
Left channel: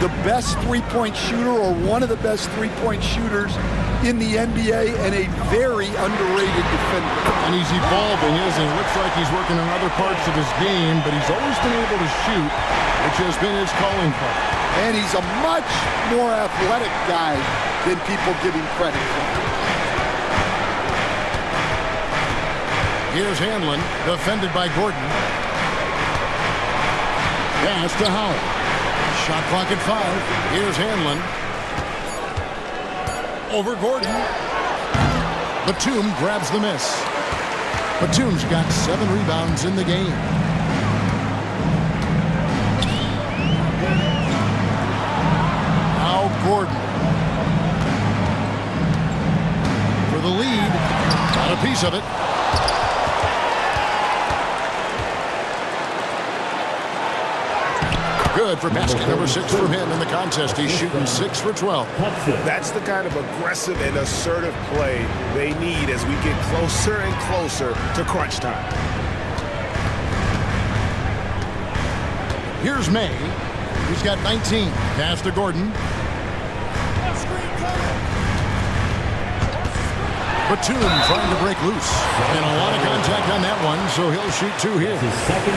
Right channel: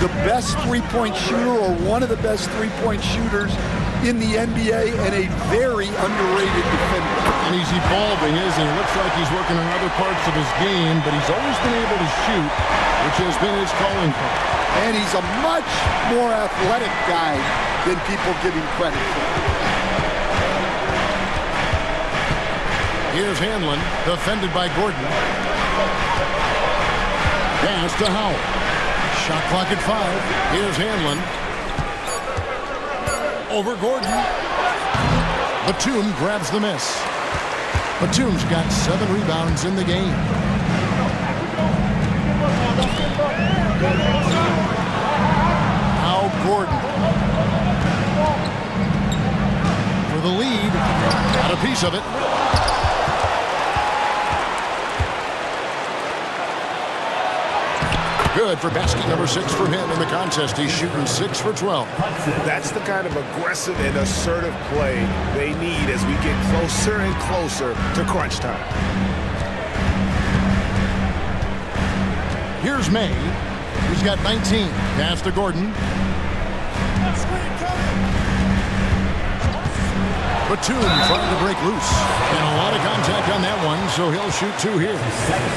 the best three-point shooter or one of the best three-point shooters in the NBA and a very underrated defender. And he's evolving, isn't he? Looks like he's working on other parts of his game, but he's always been able to shoot, which has been his calling card. And he's a much more athletic guy than people give him credit for. Here's Hanlon, defended by Gordon. Pass to Howell. Shot clock at 5. Here's Hanlon. Over Gordon. Batum grabs the miss. Batum's got 7 rebounds in the game. Now Gordon. For the lead. Got a piece of it. Good for basket number 6 from him in the contest. He's shooting 6 for 12. That's the kind of aggressive and assertive play they need as we get closer and closer to crunch time. Here's May. He's got 19. Pass to Gordon. Batum trying to break loose. And a lot of contact on that one, so he'll shoot 2 here.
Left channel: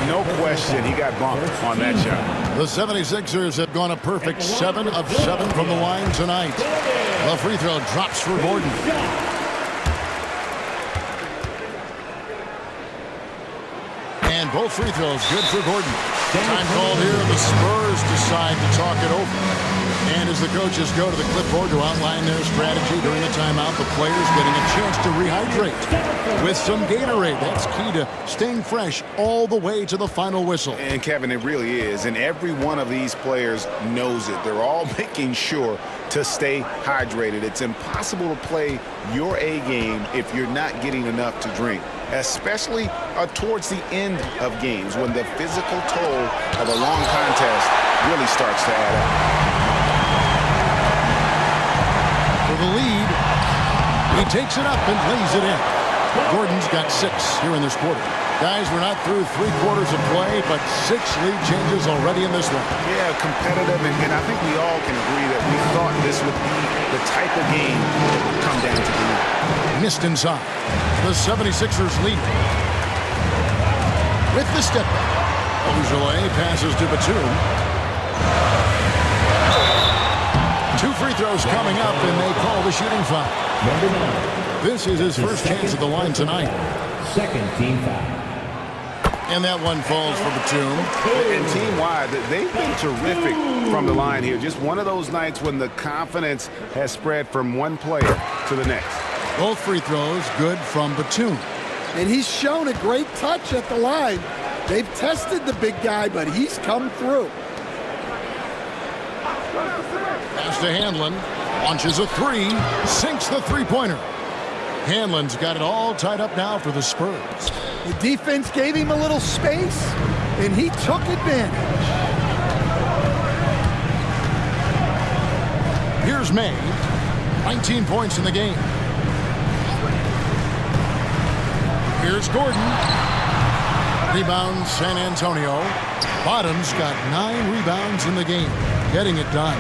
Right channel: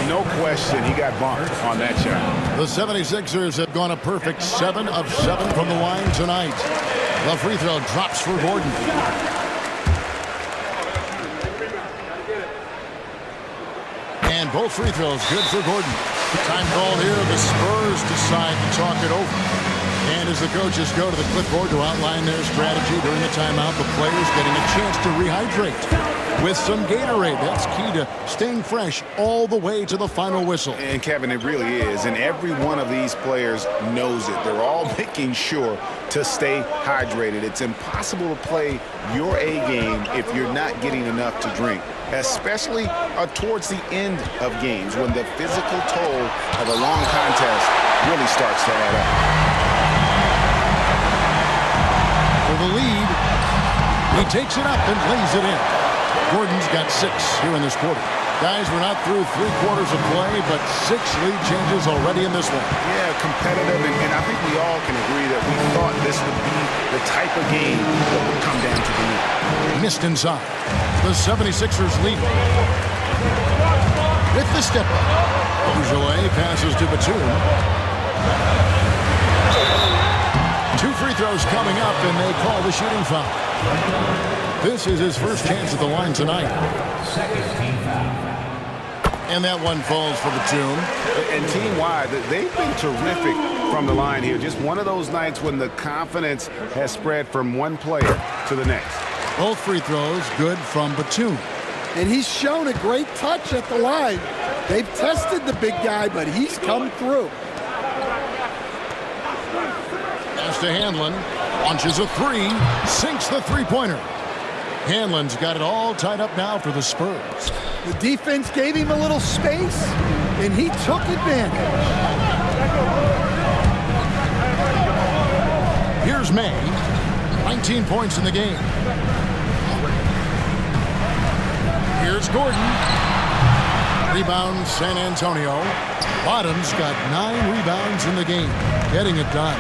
No question, he got bumped on that shot. The 76ers have gone a perfect 7 of 7 from the line tonight. The free throw drops for Gordon. And both free throws good for Gordon. Time called here. The Spurs decide to talk it over. And as the coaches go to the clipboard to outline their strategy during the timeout, the players getting a chance to rehydrate with some Gatorade. That's key to staying fresh all the way to the final whistle. And Kevin, it really is. And every one of these players knows it. They're all making sure to stay hydrated. It's impossible to play your A game if you're not getting enough to drink, especially towards the end of games when the physical toll of a long contest really starts to add up. For the lead, he takes it up and lays it in. Gordon's got 6 here in this quarter. Guys, we're not through 3 quarters of play, but 6 lead changes already in this one. Yeah, competitive, and I think we all can agree that we thought this would be the type of game that would come down to the end. Missed inside. The 76ers lead. With the step back. Ojale passes to Batum. 2 free throws coming up, and they call the shooting foul. This is his first chance at the line tonight. Second team foul. And that one falls for Batum. And team-wide, they've been terrific from the line here. Just one of those nights when the confidence has spread from one player to the next. Both free throws good from Batum. And he's shown a great touch at the line. They've tested the big guy, but he's come through. Pass to Hanlon. Launches a three. Sinks the three-pointer. Hanlon's got it all tied up now for the Spurs. The defense gave him a little space, and he took advantage. Here's May. 19 points in the game. Here's Gordon. Rebound San Antonio. Bottom's got 9 rebounds in the game. Getting it done.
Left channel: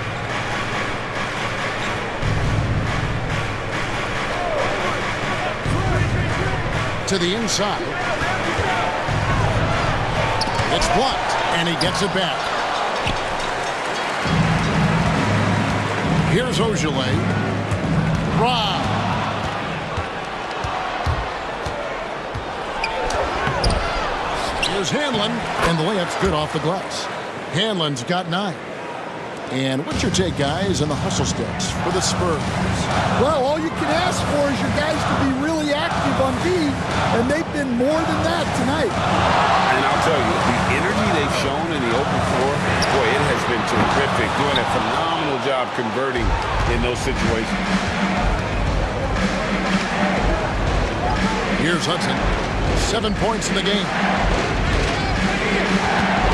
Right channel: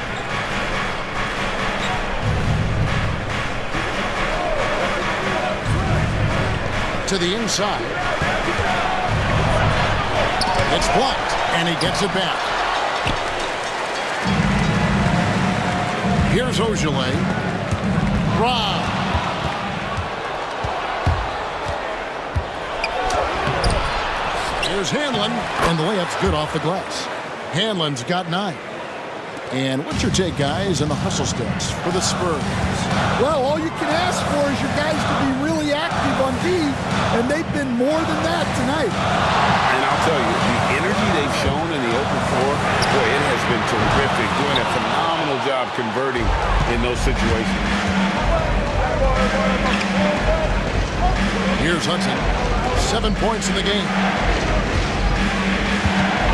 To the inside. It's blocked, and he gets it back. Here's Ojale. Rob. Here's Hanlon, and the layup's good off the glass. Hanlon's got 9. And what's your take, guys, on the hustle sticks for the Spurs? Well, all you can ask for is your guys to be really active on D, and they've been more than that tonight. And I'll tell you, the energy they've shown in the open floor, boy, it has been terrific, doing a phenomenal job converting in those situations. Here's Hudson. 7 points in the game.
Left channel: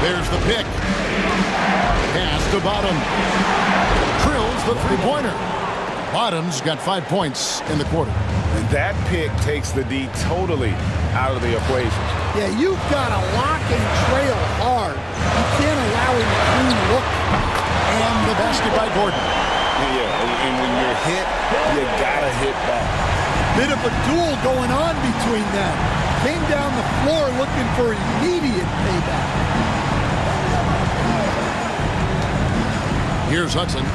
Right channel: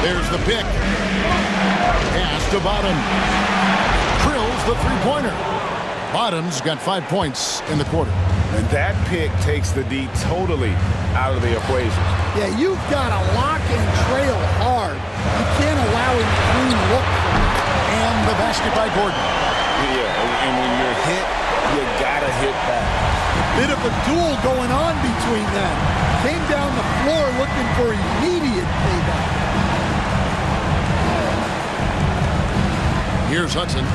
There's the pick. Pass to Bottom. Drills the three-pointer. Bottom's got 5 points in the quarter. And that pick takes the D totally out of the equation. Yeah, you've got to lock and trail hard. You can't allow him a clean look. And the basket by Gordon. Yeah, and when you're hit, you gotta hit back. Bit of a duel going on between them. Came down the floor looking for immediate payback. Here's Hudson.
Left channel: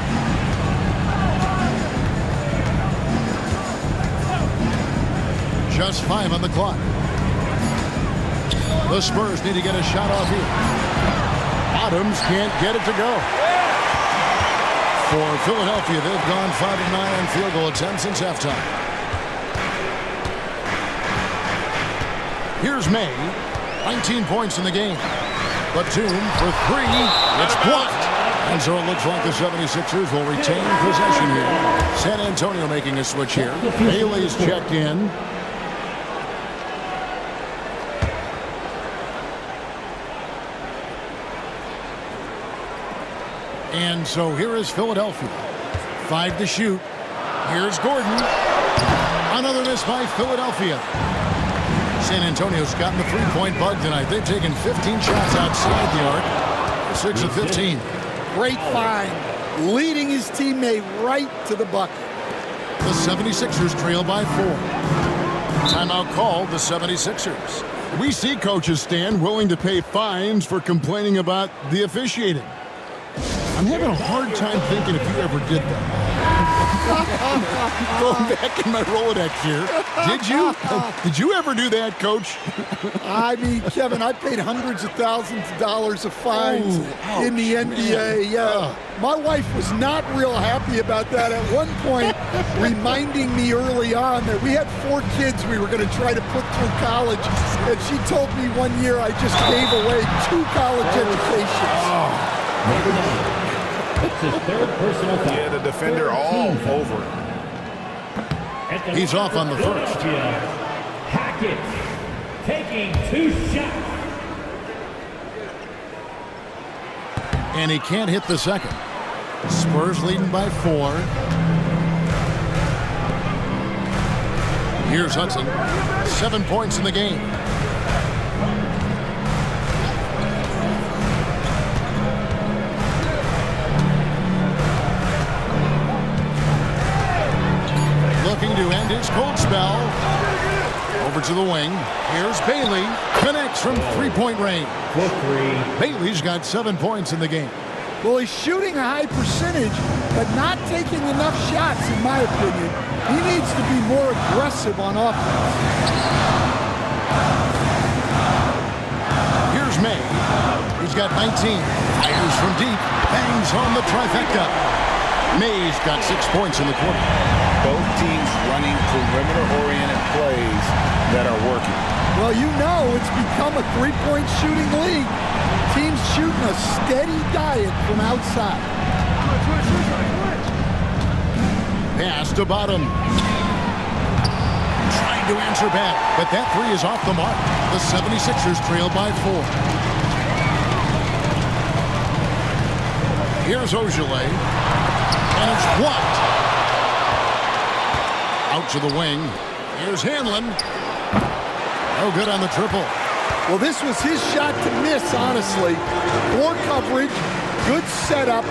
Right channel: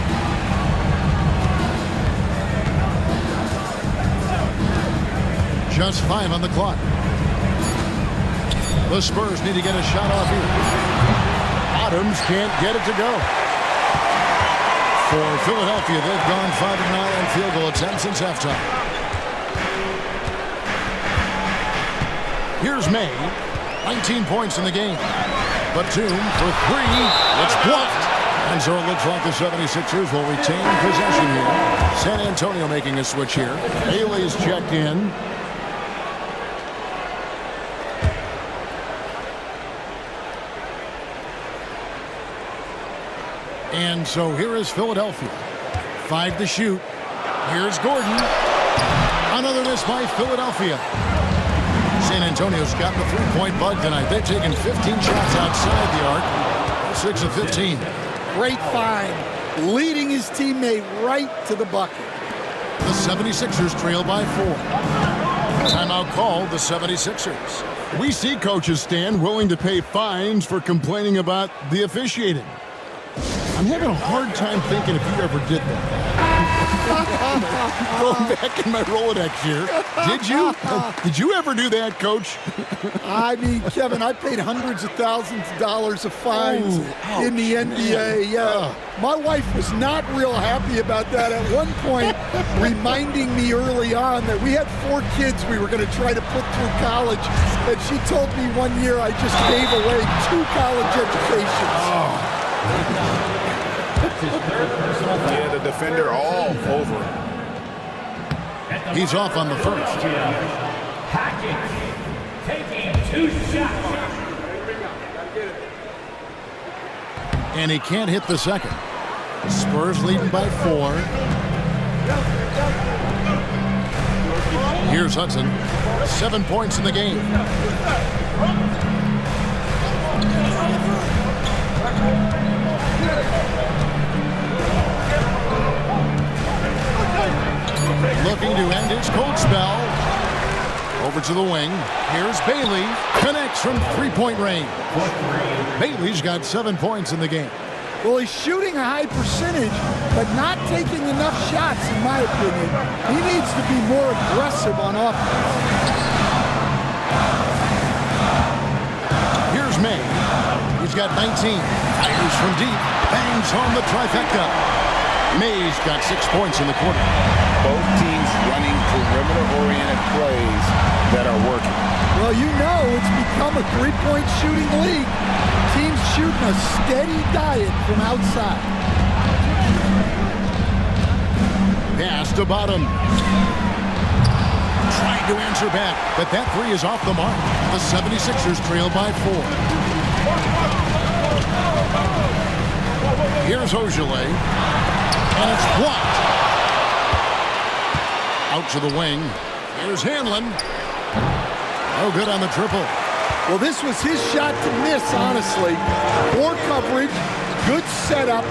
Just 5 on the clock. The Spurs need to get a shot off here. Bottoms can't get it to go. For Philadelphia, they've gone 5 of 9 on field goal attempts since halftime. Here's May. 19 points in the game. Batum for 3. It's blocked. And so it looks like the 76ers will retain possession here. San Antonio making a switch here. Bailey's checked in. And so here is Philadelphia. 5 to shoot. Here's Gordon. Another miss by Philadelphia. San Antonio's gotten the three-point bug tonight. They've taken 15 shots outside the arc. They're 6 of 15. Great find. Leading his teammate right to the bucket. The 76ers trail by 4. Timeout called the 76ers. We see coaches stand willing to pay fines for complaining about the officiating. I'm having a hard time thinking if you ever did that. Going back in my Rolodex here. Did you? Did you ever do that, Coach? I mean, Kevin, I paid hundreds of thousands of dollars of fines in the NBA. Yeah. My wife was not real happy about that at one point, reminding me early on that we had 4 kids we were going to try to put through college. And she told me one year I just gave away 2 college educations. That's his third personal foul. Yeah, the defender all over him. He's off on the first. Hackett taking 2 shots. And he can't hit the second. Spurs leading by 4. Here's Hudson. 7 points in the game. Looking to end his cold spell. Over to the wing. Here's Bailey. Connects from three-point range. Bailey's got 7 points in the game. Well, he's shooting a high percentage, but not taking enough shots, in my opinion. He needs to be more aggressive on offense. Here's May. He's got 19. Fires from deep. Bangs home the trifecta. May's got 6 points in the quarter. Both teams running perimeter-oriented plays that are working. Well, you know it's become a three-point shooting league. Teams shooting a steady diet from outside. Pass to Bottom. Trying to answer back, but that three is off the mark. The 76ers trail by 4. Here's Ogilvy, and it's blocked. Out to the wing. Here's Hanlon. No good on the triple. Well, this was his shot to miss, honestly. Poor coverage, good setup.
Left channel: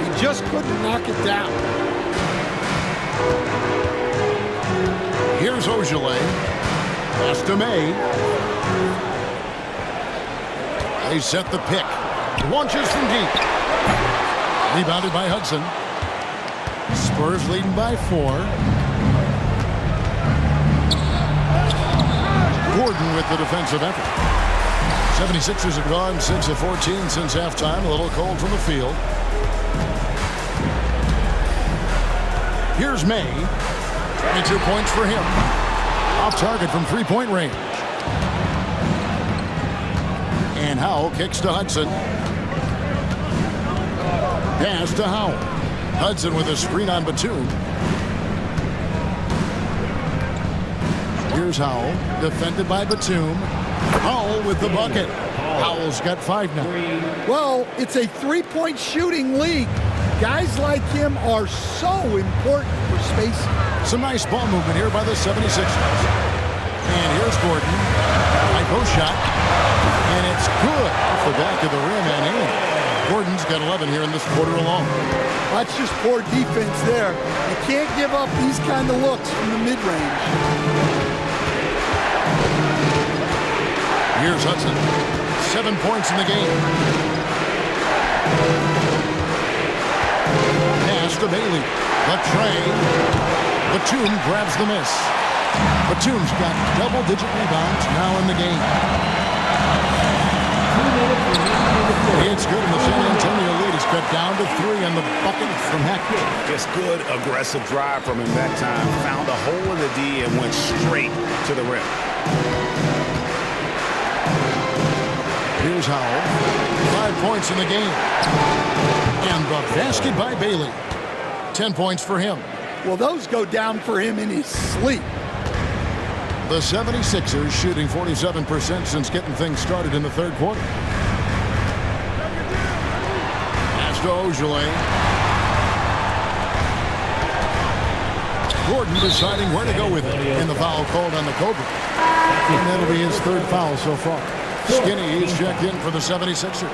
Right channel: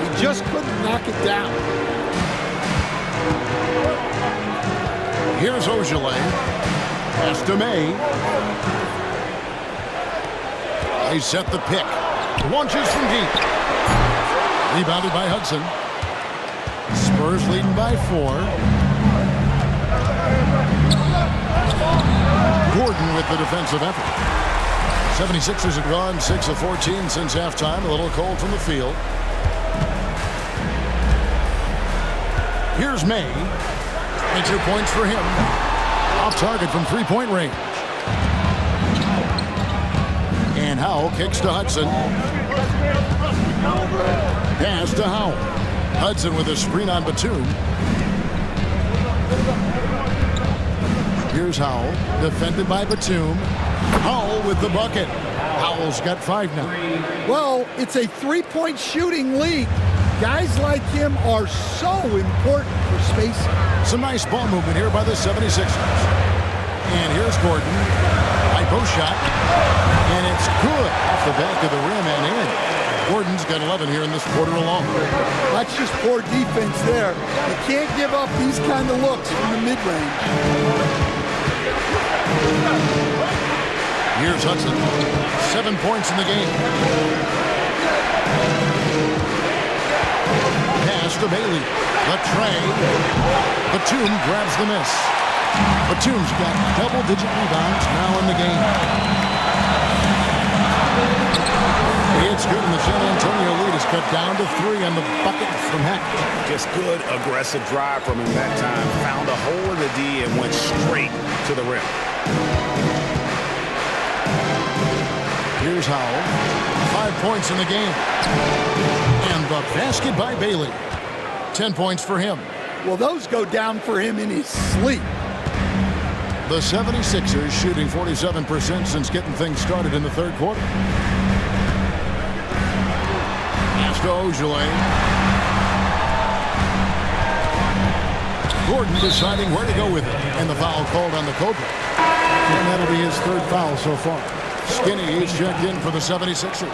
He just couldn't knock it down. Here's Ogilvy. Pass to May. They set the pick. Launches from deep. Rebounded by Hudson. Spurs leading by 4. Gordon with the defensive effort. 76ers have gone 6 of 14 since halftime. A little cold from the field. Here's May. 22 points for him. Off target from three-point range. And Howell kicks to Hudson. Pass to Howell. Hudson with a screen on Batum. Here's Howell, defended by Batum. Howell with the bucket. Howell's got 5 now. Well, it's a three-point shooting league. Guys like him are so important for spacing. Some nice ball movement here by the 76ers. And here's Gordon. High post shot. And it's good off the back of the rim and in. Gordon's got 11 here in this quarter alone. That's just poor defense there. You can't give up these kind of looks from the mid-range. Here's Hudson. 7 points in the game. Pass to Bailey. The tray. Batum grabs the miss. Batum's got double-digit rebounds now in the game. It's good, and the San Antonio lead is cut down to 3 on the bucket from Hackett. Just good, aggressive drive from him that time. Found a hole in the D and went straight to the rim. Here's Howell. 5 points in the game. And the basket by Bailey. 10 points for him. Well, those go down for him in his sleep. The 76ers shooting 47% since getting things started in the third quarter. Pass to Ogilvy. Gordon deciding where to go with it. And the foul called on the Cobra. And that'll be his 3rd foul so far. Skinny is checked in for the 76ers.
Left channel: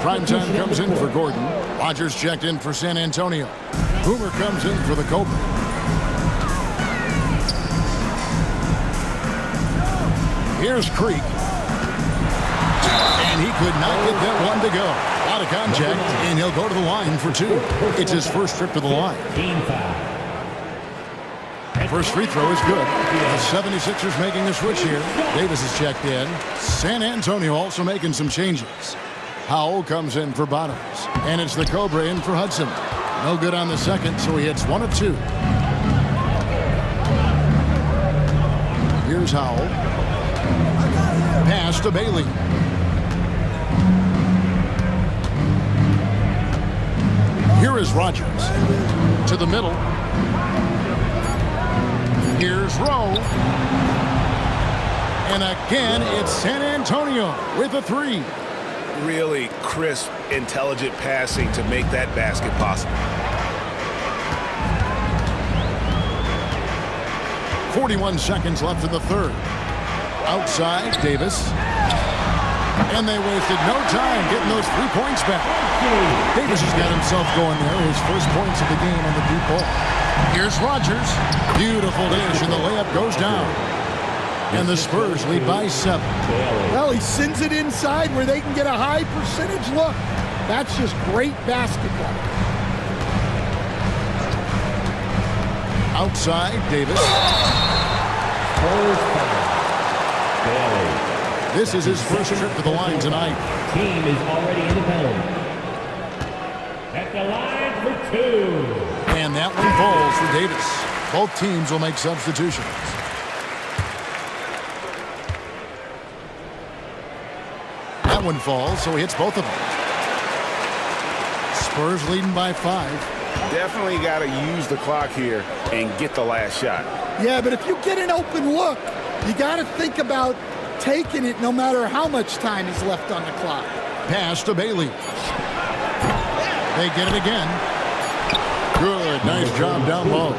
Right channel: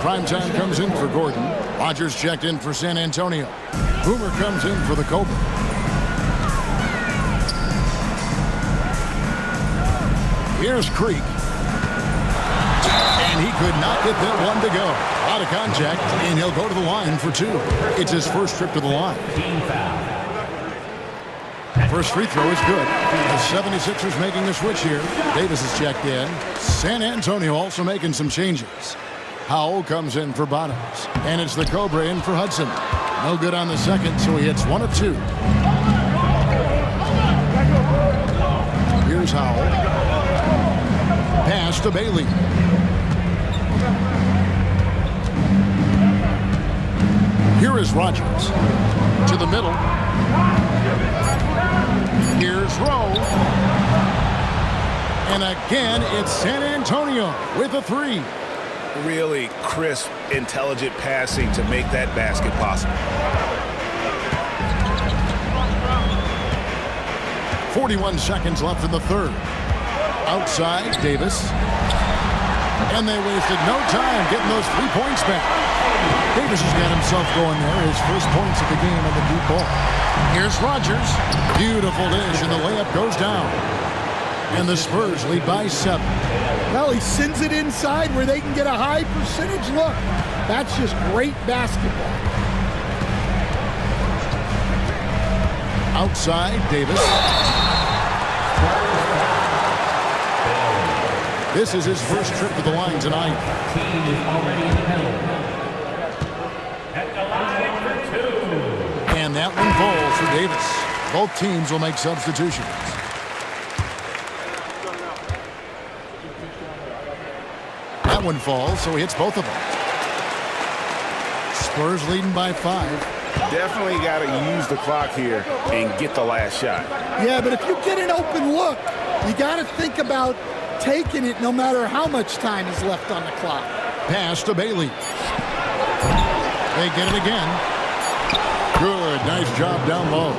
Primetime comes in for Gordon. Rogers checked in for San Antonio. Boomer comes in for the Cobra. Here's Creek. And he could not get that one to go. A lot of contact, and he'll go to the line for 2. It's his first trip to the line. First free throw is good. The 76ers making a switch here. Davis is checked in. San Antonio also making some changes. Howell comes in for Bottoms. And it's the Cobra in for Hudson. No good on the second, so he hits 1 of 2. Here's Howell. Pass to Bailey. Here is Rogers. To the middle. Here's Rowe. And again, it's San Antonio with a 3. Really crisp, intelligent passing to make that basket possible. 41 seconds left in the third. Outside, Davis. And they wasted no time getting those 3 points back. Davis has got himself going there. His first points of the game on the deep ball. Here's Rogers. Beautiful dish, and the layup goes down. And the Spurs lead by 7. Well, he sends it inside where they can get a high percentage look. That's just great basketball. Outside, Davis. This is his first trip to the line tonight. Team is already in the penalty. At the line for 2. And that one falls for Davis. Both teams will make substitutions. That one falls, so he hits both of them. Spurs leading by 5. Definitely got to use the clock here and get the last shot. Yeah, but if you get an open look, you got to think about taking it no matter how much time is left on the clock. Pass to Bailey. They get it again. Good, nice job down low.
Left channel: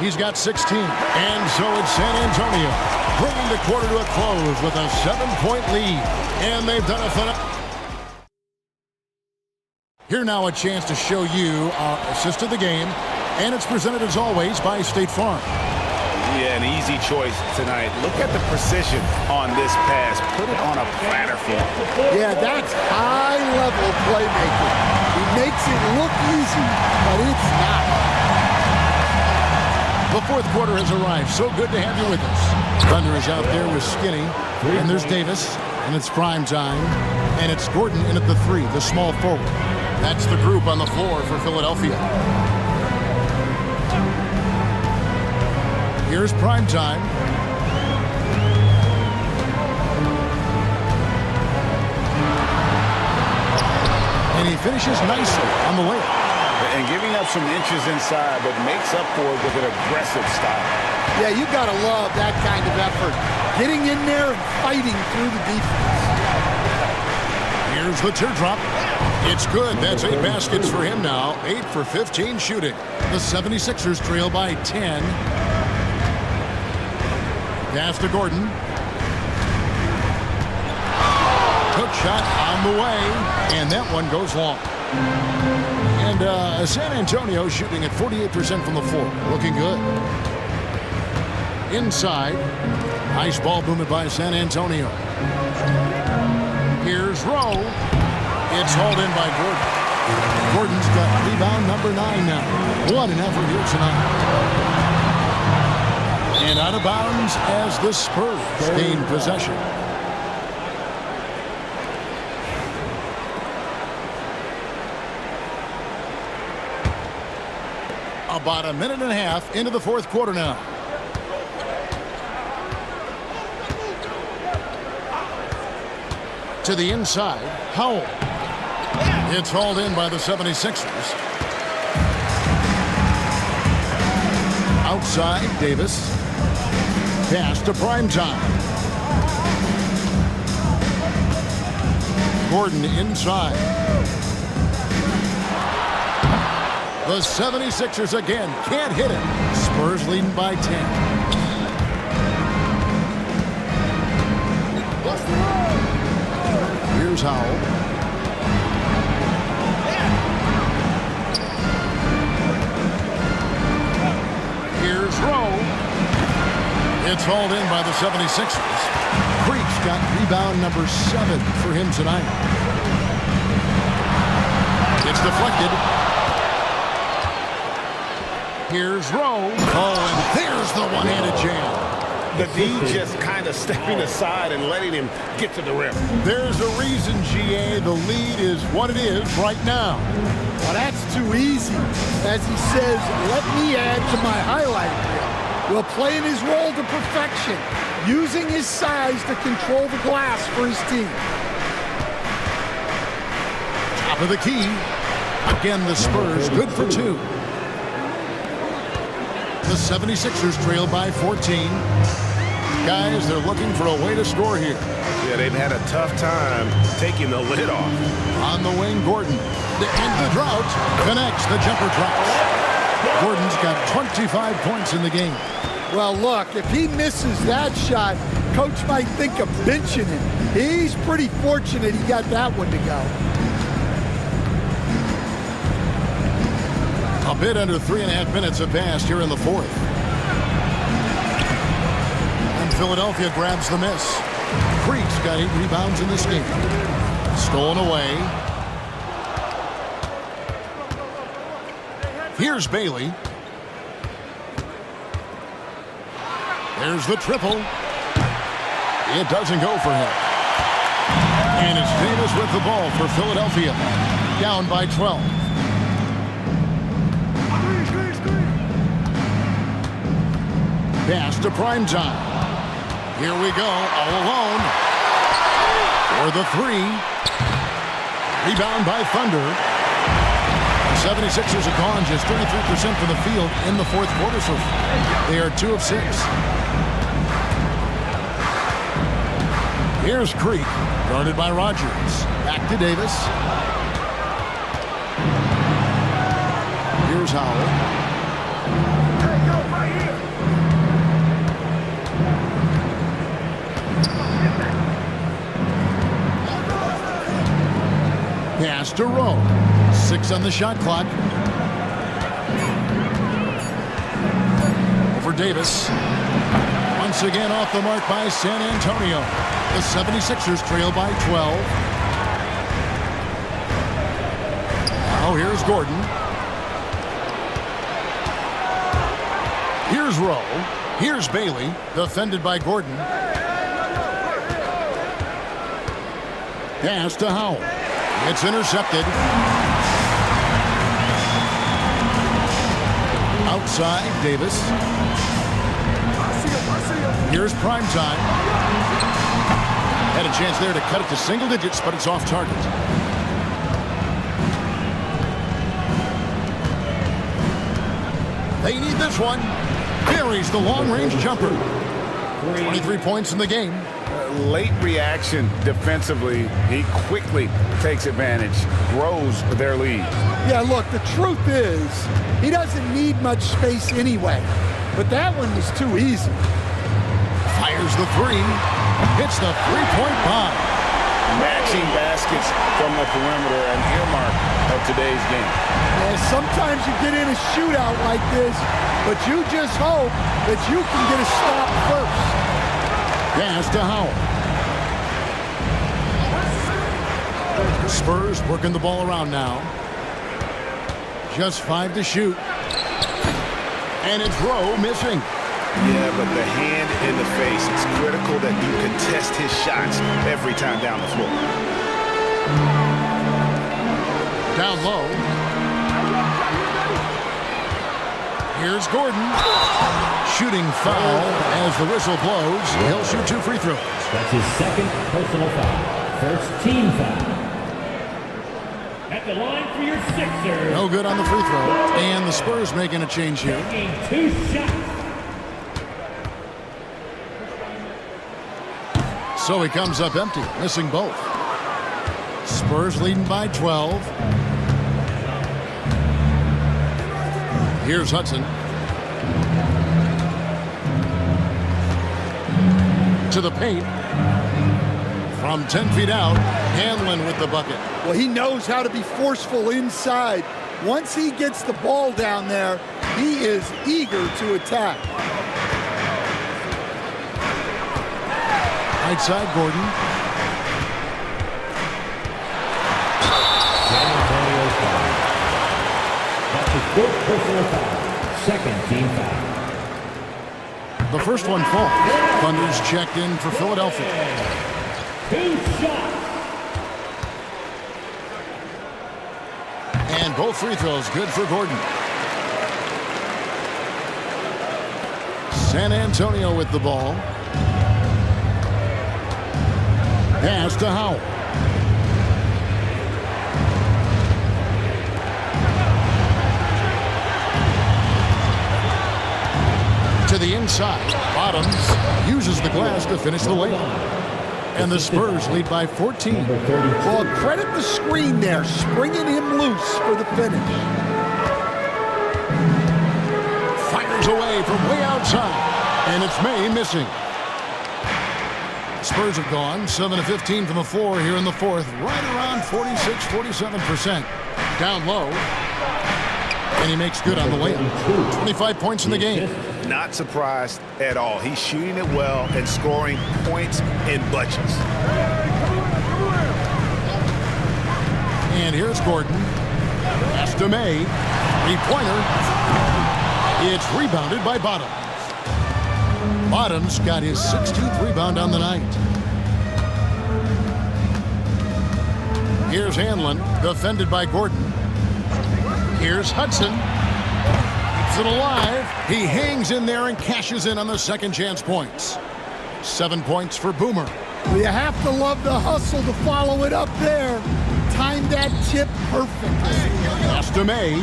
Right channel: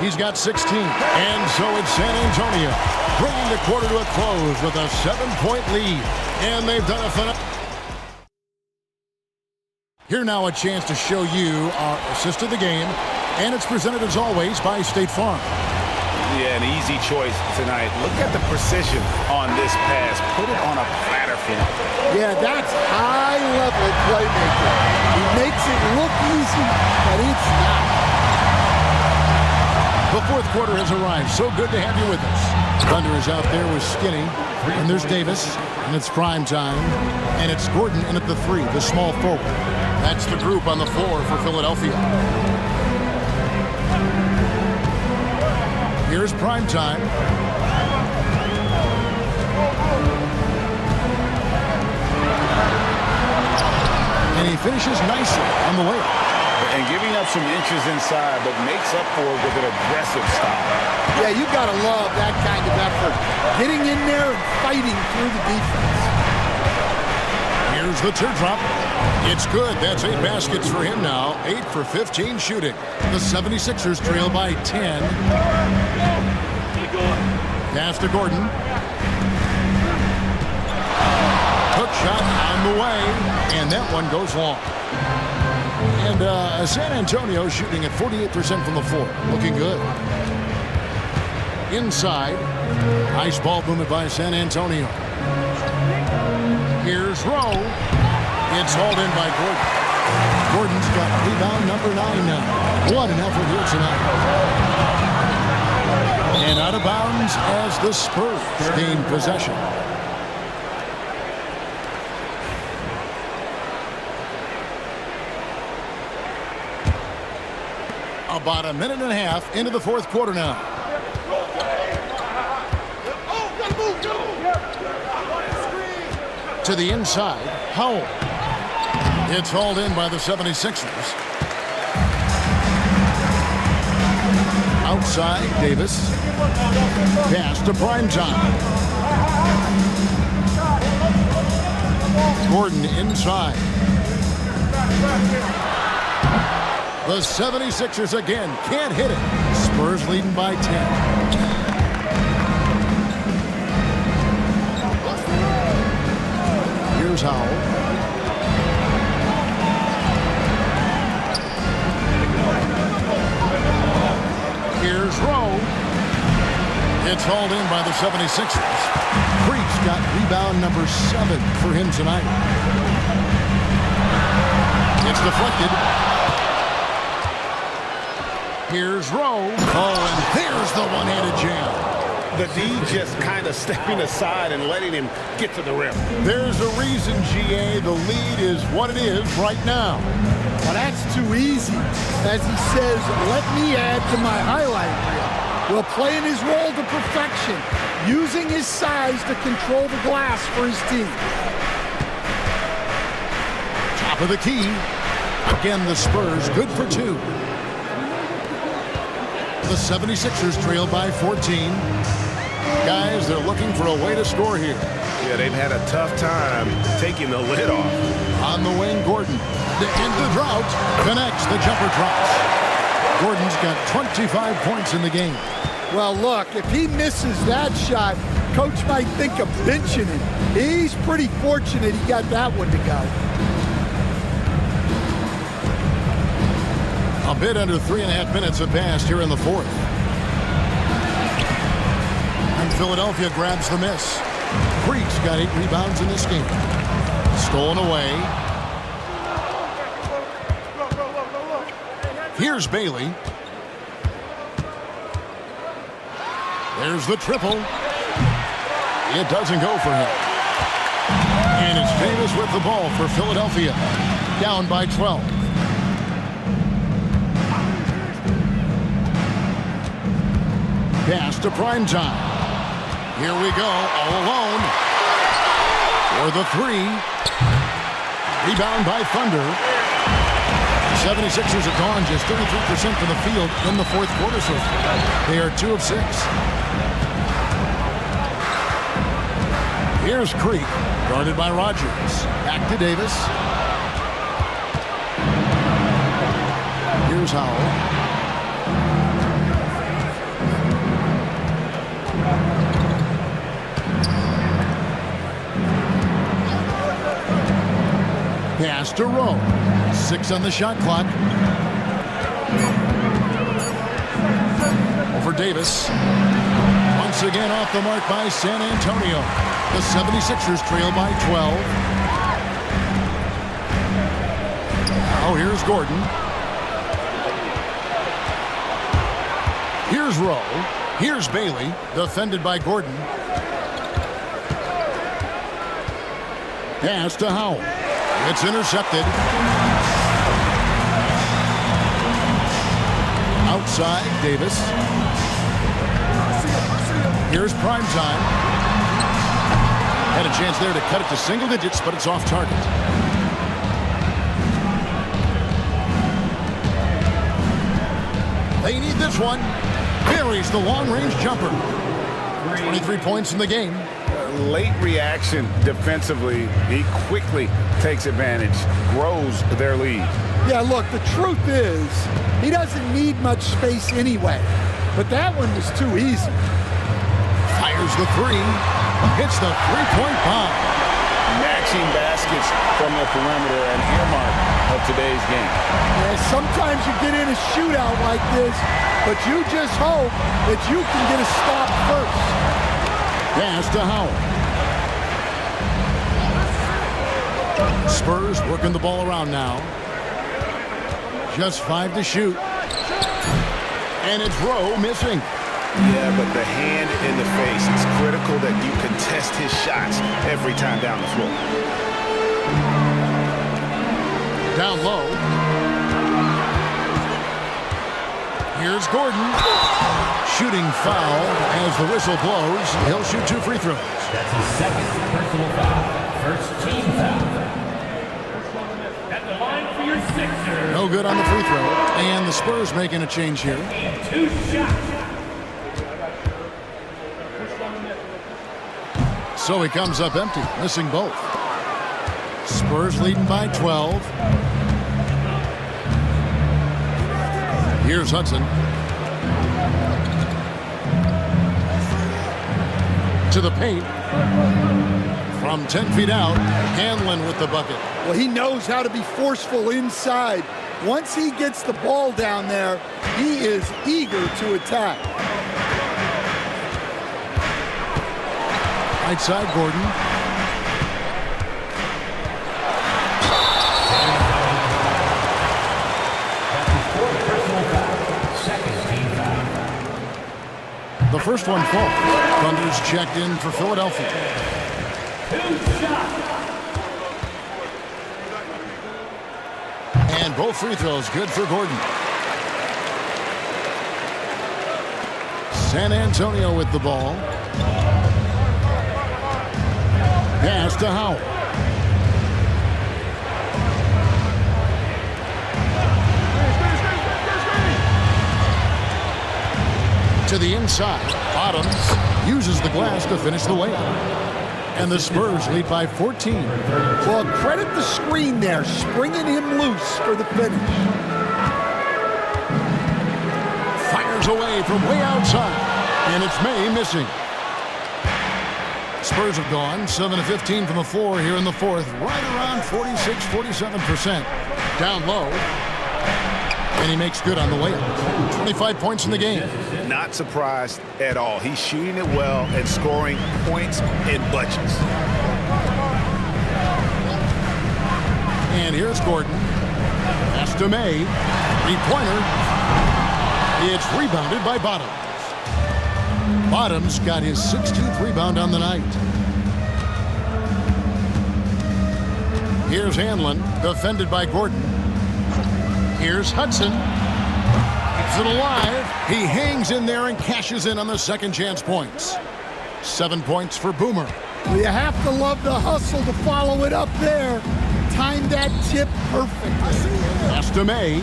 He's got 16. And so it's San Antonio, bringing the quarter to a close with a 7-point lead. And they've done a phenomenal. Here now a chance to show you our assist of the game. And it's presented as always by State Farm. Yeah, an easy choice tonight. Look at the precision on this pass. Put it on a platter for him. Yeah, that's high-level playmaking. He makes it look easy, but it's not. The fourth quarter has arrived. So good to have you with us. Thunder is out there with Skinny. And there's Davis. And it's prime time. And it's Gordon in at the 3, the small forward. That's the group on the floor for Philadelphia. Here's prime time. And he finishes nicely on the layup. And giving up some inches inside, but makes up for it with an aggressive style. Yeah, you got to love that kind of effort. Getting in there and fighting through the defense. Here's the teardrop. It's good. That's 8 baskets for him now. 8 for 15 shooting. The 76ers trail by 10. Pass to Gordon. Hook shot on the way. And that one goes long. And San Antonio shooting at 48% from the floor. Looking good. Inside. Nice ball movement by San Antonio. Here's Rowe. It's hauled in by Gordon. Gordon's got rebound number 9 now. What an effort here tonight. And out of bounds as the Spurs gain possession. About a minute and a half into the fourth quarter now. To the inside, Howell. It's hauled in by the 76ers. Outside, Davis. Pass to primetime. Gordon inside. The 76ers again can't hit it. Spurs leading by 10. Here's Howell. Here's Rowe. It's hauled in by the 76ers. Creek's got rebound number 7 for him tonight. It's deflected. Here's Rowe. Oh, and there's the one-handed jam. The D just kind of stepping aside and letting him get to the rim. There's a reason, GA, the lead is what it is right now. Well, that's too easy. As he says, let me add to my highlight reel. Well, playing his role to perfection, using his size to control the glass for his team. Top of the key. Again, the Spurs good for 2. The 76ers trail by 14. Guys, they're looking for a way to score here. Yeah, they've had a tough time taking the lid off. On the wing, Gordon. To end the drought, connects, the jumper drops. Gordon's got 25 points in the game. Well, look, if he misses that shot, coach might think of benching him. He's pretty fortunate he got that one to go. A bit under 3.5 minutes have passed here in the fourth. And Philadelphia grabs the miss. Creek's got 8 rebounds in this game. Stolen away. Here's Bailey. There's the triple. It doesn't go for him. And it's Davis with the ball for Philadelphia. Down by 12. Pass to Primetime. Here we go, all alone. For the three. Rebound by Thunder. 76ers have gone just 33% from the field in the fourth quarter so far. They are 2 of 6. Here's Creek, guarded by Rogers. Back to Davis. Here's Howell. Pass to Rowe. 6 on the shot clock. Over Davis. Once again off the mark by San Antonio. The 76ers trail by 12. Now here's Gordon. Here's Rowe. Here's Bailey, defended by Gordon. Pass to Howell. It's intercepted. Outside, Davis. Here's Primetime. Had a chance there to cut it to single digits, but it's off target. They need this one. Buries the long-range jumper. 23 points in the game. Late reaction defensively. He quickly takes advantage, grows their lead. Yeah, look, the truth is, he doesn't need much space anyway. But that one was too easy. Fires the three. Hits the three-point bomb. Matching baskets from the perimeter, an earmark of today's game. Yeah, sometimes you get in a shootout like this, but you just hope that you can get a stop first. Pass to Howell. Spurs working the ball around now. Just 5 to shoot. And it's Rowe missing. Yeah, but the hand in the face, it's critical that you contest his shots every time down the floor. Down low. Here's Gordon. Shooting foul as the whistle blows. He'll shoot 2 free throws. That's his second personal foul. First team foul. At the line for your Sixers. No good on the free throw. And the Spurs making a change here. Taking 2 shots. So he comes up empty, missing both. Spurs leading by 12. Here's Hudson. To the paint. From 10 feet out, Hanlon with the bucket. Well, he knows how to be forceful inside. Once he gets the ball down there, he is eager to attack. Right side, Gordon. That's his 4th personal foul. Second team foul. The first one falls. Thunder's checked in for Philadelphia. 2 shots. And both free throws good for Gordon. San Antonio with the ball. Pass to Howell. To the inside. Bottoms uses the glass to finish the layup. And the Spurs lead by 14. Well, credit the screen there, springing him loose for the finish. Fires away from way outside. And it's May missing. Spurs have gone 7 of 15 from the floor here in the fourth, right around 46-47%. Down low. And he makes good on the layup. 25 points in the game. Not surprised at all. He's shooting it well and scoring points in bunches. And here's Gordon. Pass to May. Three-pointer. It's rebounded by Bottoms. Bottoms got his 6th rebound on the night. Here's Hanlon, defended by Gordon. Here's Hudson. Keeps it alive. He hangs in there and cashes in on the second chance points. 7 points for Boomer. Well, you have to love the hustle to follow it up there. Timed that tip perfectly. Pass to May.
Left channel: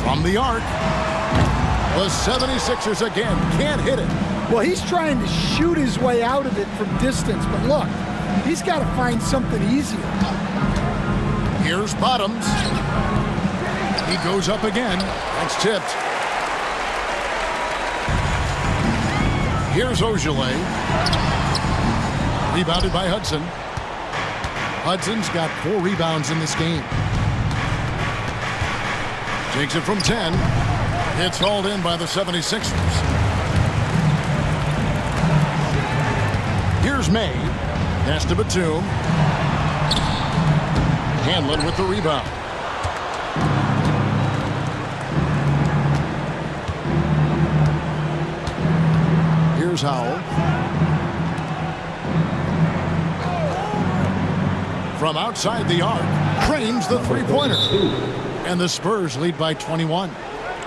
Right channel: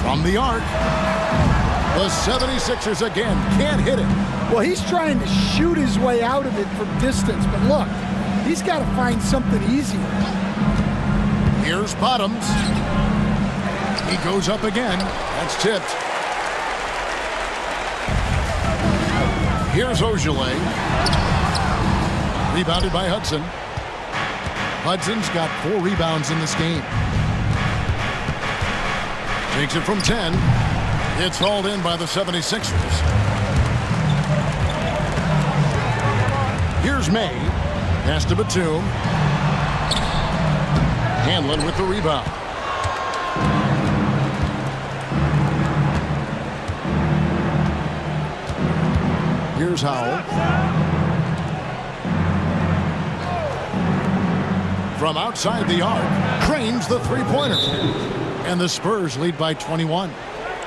From the arc. The 76ers again can't hit it. Well, he's trying to shoot his way out of it from distance, but look, he's got to find something easier. Here's Bottoms. He goes up again. That's tipped. Here's Ogilvy. Rebounded by Hudson. Hudson's got 4 rebounds in this game. Takes it from 10. It's hauled in by the 76ers. Here's May. Pass to Batum. Hanlon with the rebound. Here's Howell. From outside the arc, drains the three-pointer. And the Spurs lead by 21.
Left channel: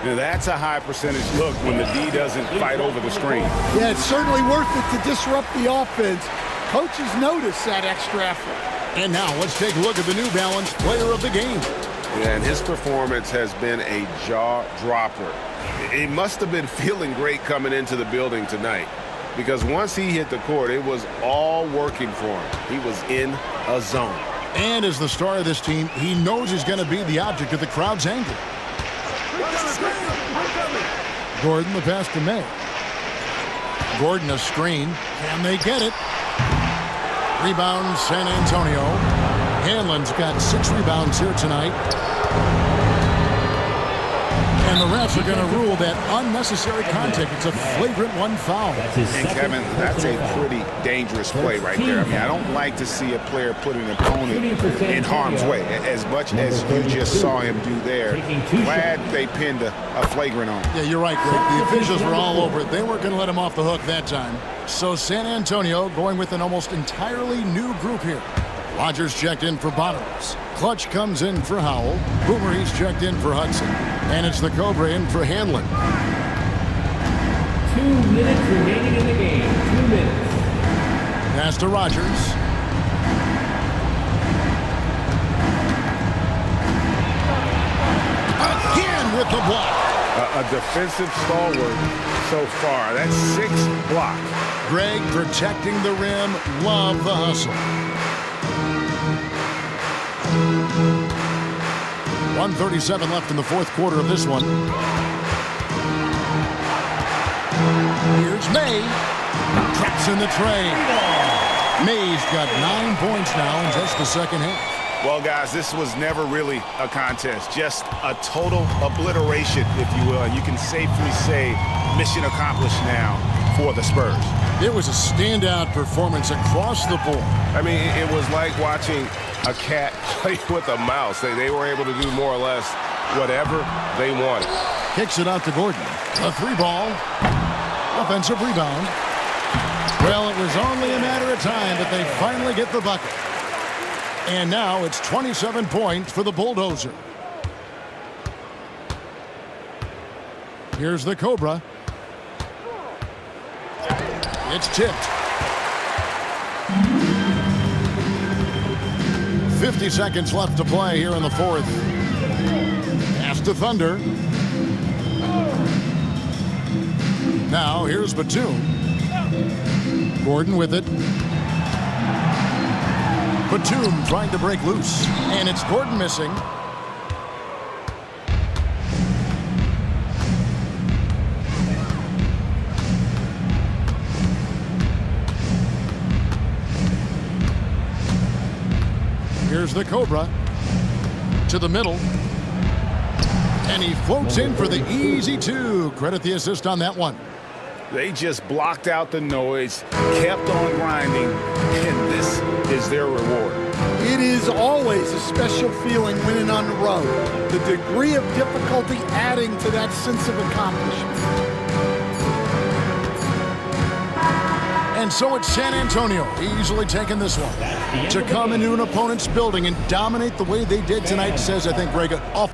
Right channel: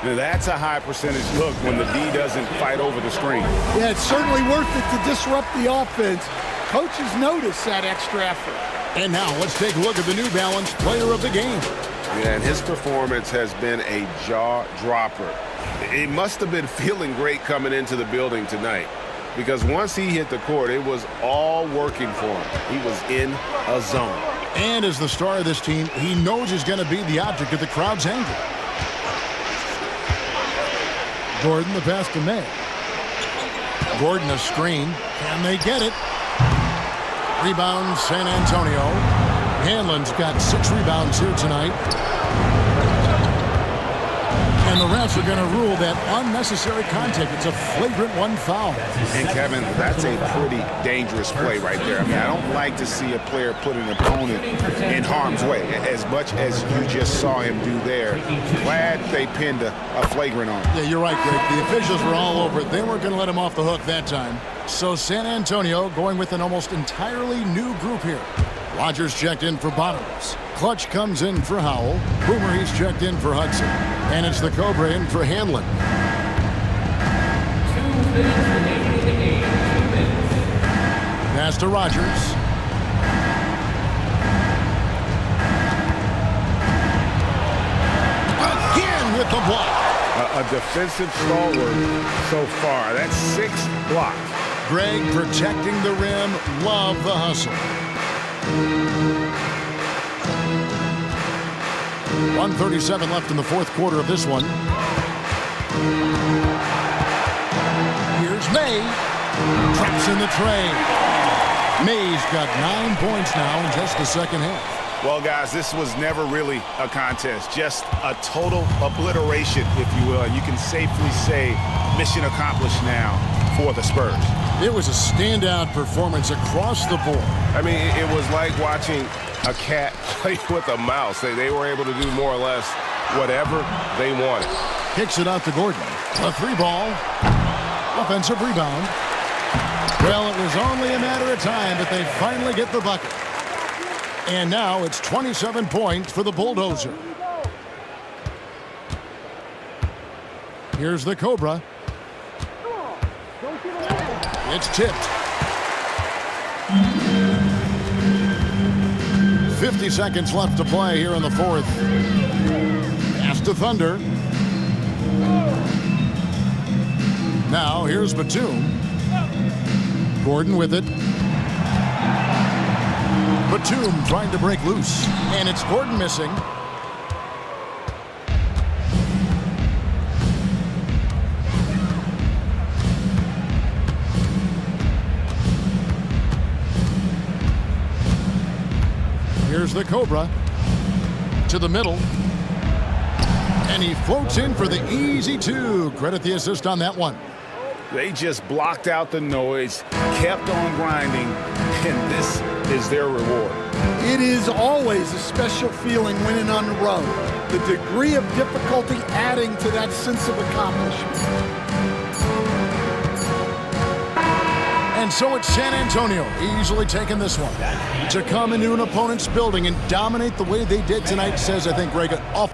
Now, that's a high percentage look when the D doesn't fight over the screen. Yeah, it's certainly worth it to disrupt the offense. Coaches notice that extra effort. And now let's take a look at the New Balance player of the game. Yeah, and his performance has been a jaw dropper. He must have been feeling great coming into the building tonight, because once he hit the court, it was all working for him. He was in a zone. And as the star of this team, he knows he's going to be the object of the crowd's anger. Gordon, the pass to May. Gordon, a screen. Can they get it? Rebound, San Antonio. Hanlon's got 6 rebounds here tonight. And the refs are going to rule that unnecessary contact. It's a flagrant 1 foul. And, Kevin, that's a pretty dangerous play right there. I mean, I don't like to see a player put an opponent in harm's way, as much as you just saw him do there. Glad they pinned a flagrant on him. Yeah, you're right, Greg. The officials were all over it. They weren't going to let him off the hook that time. So San Antonio going with an almost entirely new group here. Rogers checked in for Bottoms. Clutch comes in for Howell. Boomer, he's checked in for Hudson. And it's the Cobra in for Hanlon. 2 minutes remaining in the game. 2 minutes. Pass to Rogers. Again with the block. A defensive stalwart so far. That's 6 blocks. Greg protecting the rim. Love the hustle. 1:37 left in the fourth quarter of this one. Here's May. Traps in the tray. May's got 9 points now in just the second half. Well, guys, this was never really a contest. Just a total obliteration, if you will. And you can safely say mission accomplished now for the Spurs. It was a standout performance across the board. I mean, it was like watching a cat play with a mouse. They were able to do more or less whatever they wanted. Kicks it out to Gordon. A 3-ball. Offensive rebound. Well, it was only a matter of time, but they finally get the bucket. And now it's 27 points for the Bulldozer. Here's the Cobra. It's tipped. 50 seconds left to play here in the fourth. Pass to Thunder. Now here's Batum. Gordon with it. Batum trying to break loose. And it's Gordon missing. Here's the Cobra to the middle. And he floats in for the easy 2. Credit the assist on that one. They just blocked out the noise, kept on grinding, and this is their reward. It is always a special feeling winning on the road. The degree of difficulty adding to that sense of accomplishment. And so it's San Antonio easily taking this one. To come into an opponent's building and dominate the way they did tonight says, I think, Greg, off.